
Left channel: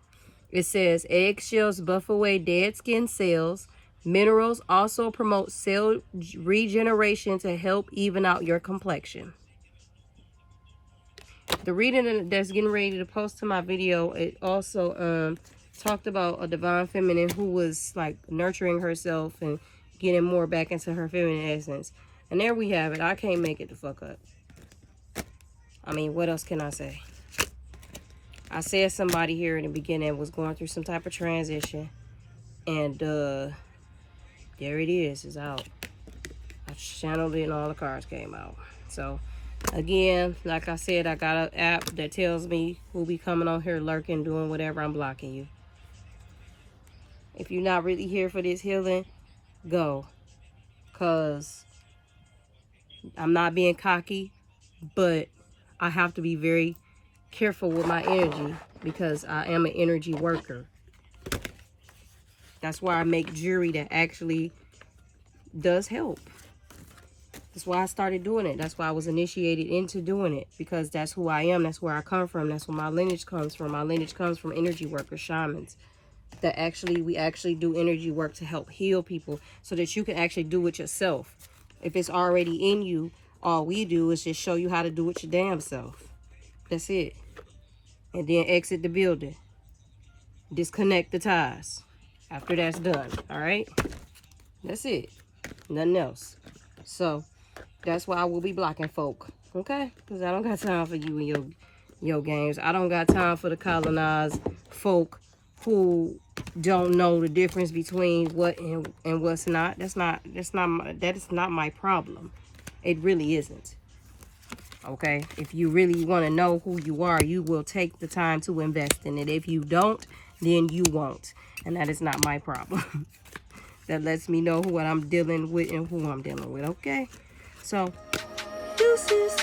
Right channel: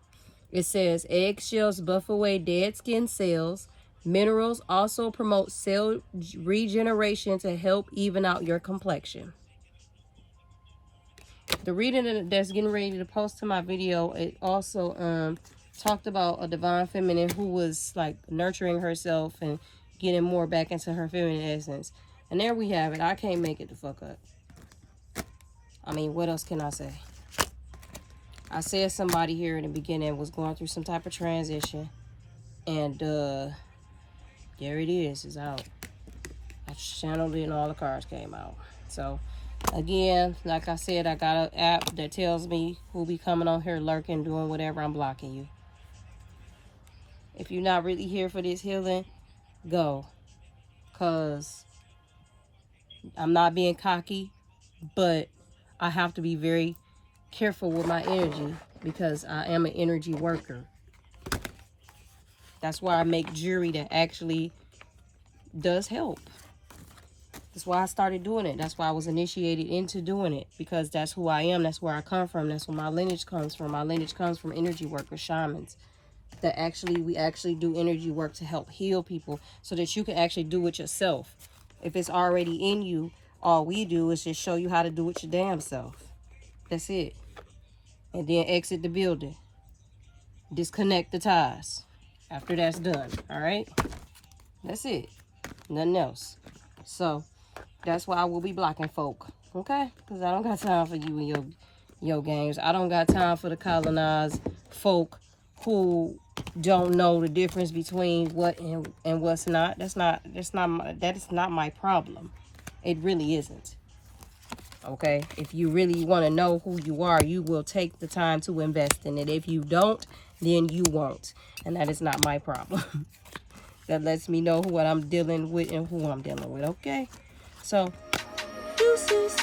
It says eggshells buff away dead skin cells. Minerals also promote cell regeneration to help even out your complexion. The reading that's getting ready to post to my video, it also talked about a Divine Feminine who was like nurturing herself and getting more back into her feminine essence. And there we have it. I can't make it the fuck up. I mean, what else can I say? I said somebody here in the beginning was going through some type of transition. And there it is. It's out. I channeled it and all the cards came out. So, again, like I said, I got an app that tells me who'll be coming on here lurking, doing whatever. I'm blocking you. If you're not really here for this healing, go. Because I'm not being cocky, but I have to be very careful with my energy because I am an energy worker. That's why I make jewelry that actually does help. That's why I started doing it. That's why I was initiated into doing it, because that's who I am. That's where I come from. That's where my lineage comes from. My lineage comes from energy workers, shamans. That we actually do energy work to help heal people so that you can actually do it yourself. If it's already in you, all we do is just show you how to do it your damn self. That's it. And then exit the building. Disconnect the ties. After that's done, all right? That's it. Nothing else. So, that's why I will be blocking folk, okay? Because I don't got time for you and your games. I don't got time for the colonized folk who don't know the difference between what and what's not. That is not my problem. It really isn't. Okay? If you really want to know who you are, you will take the time to invest in it. If you don't, then you won't. And that is not my problem. That lets me know what I'm dealing with and who I'm dealing with, okay? So, deuces.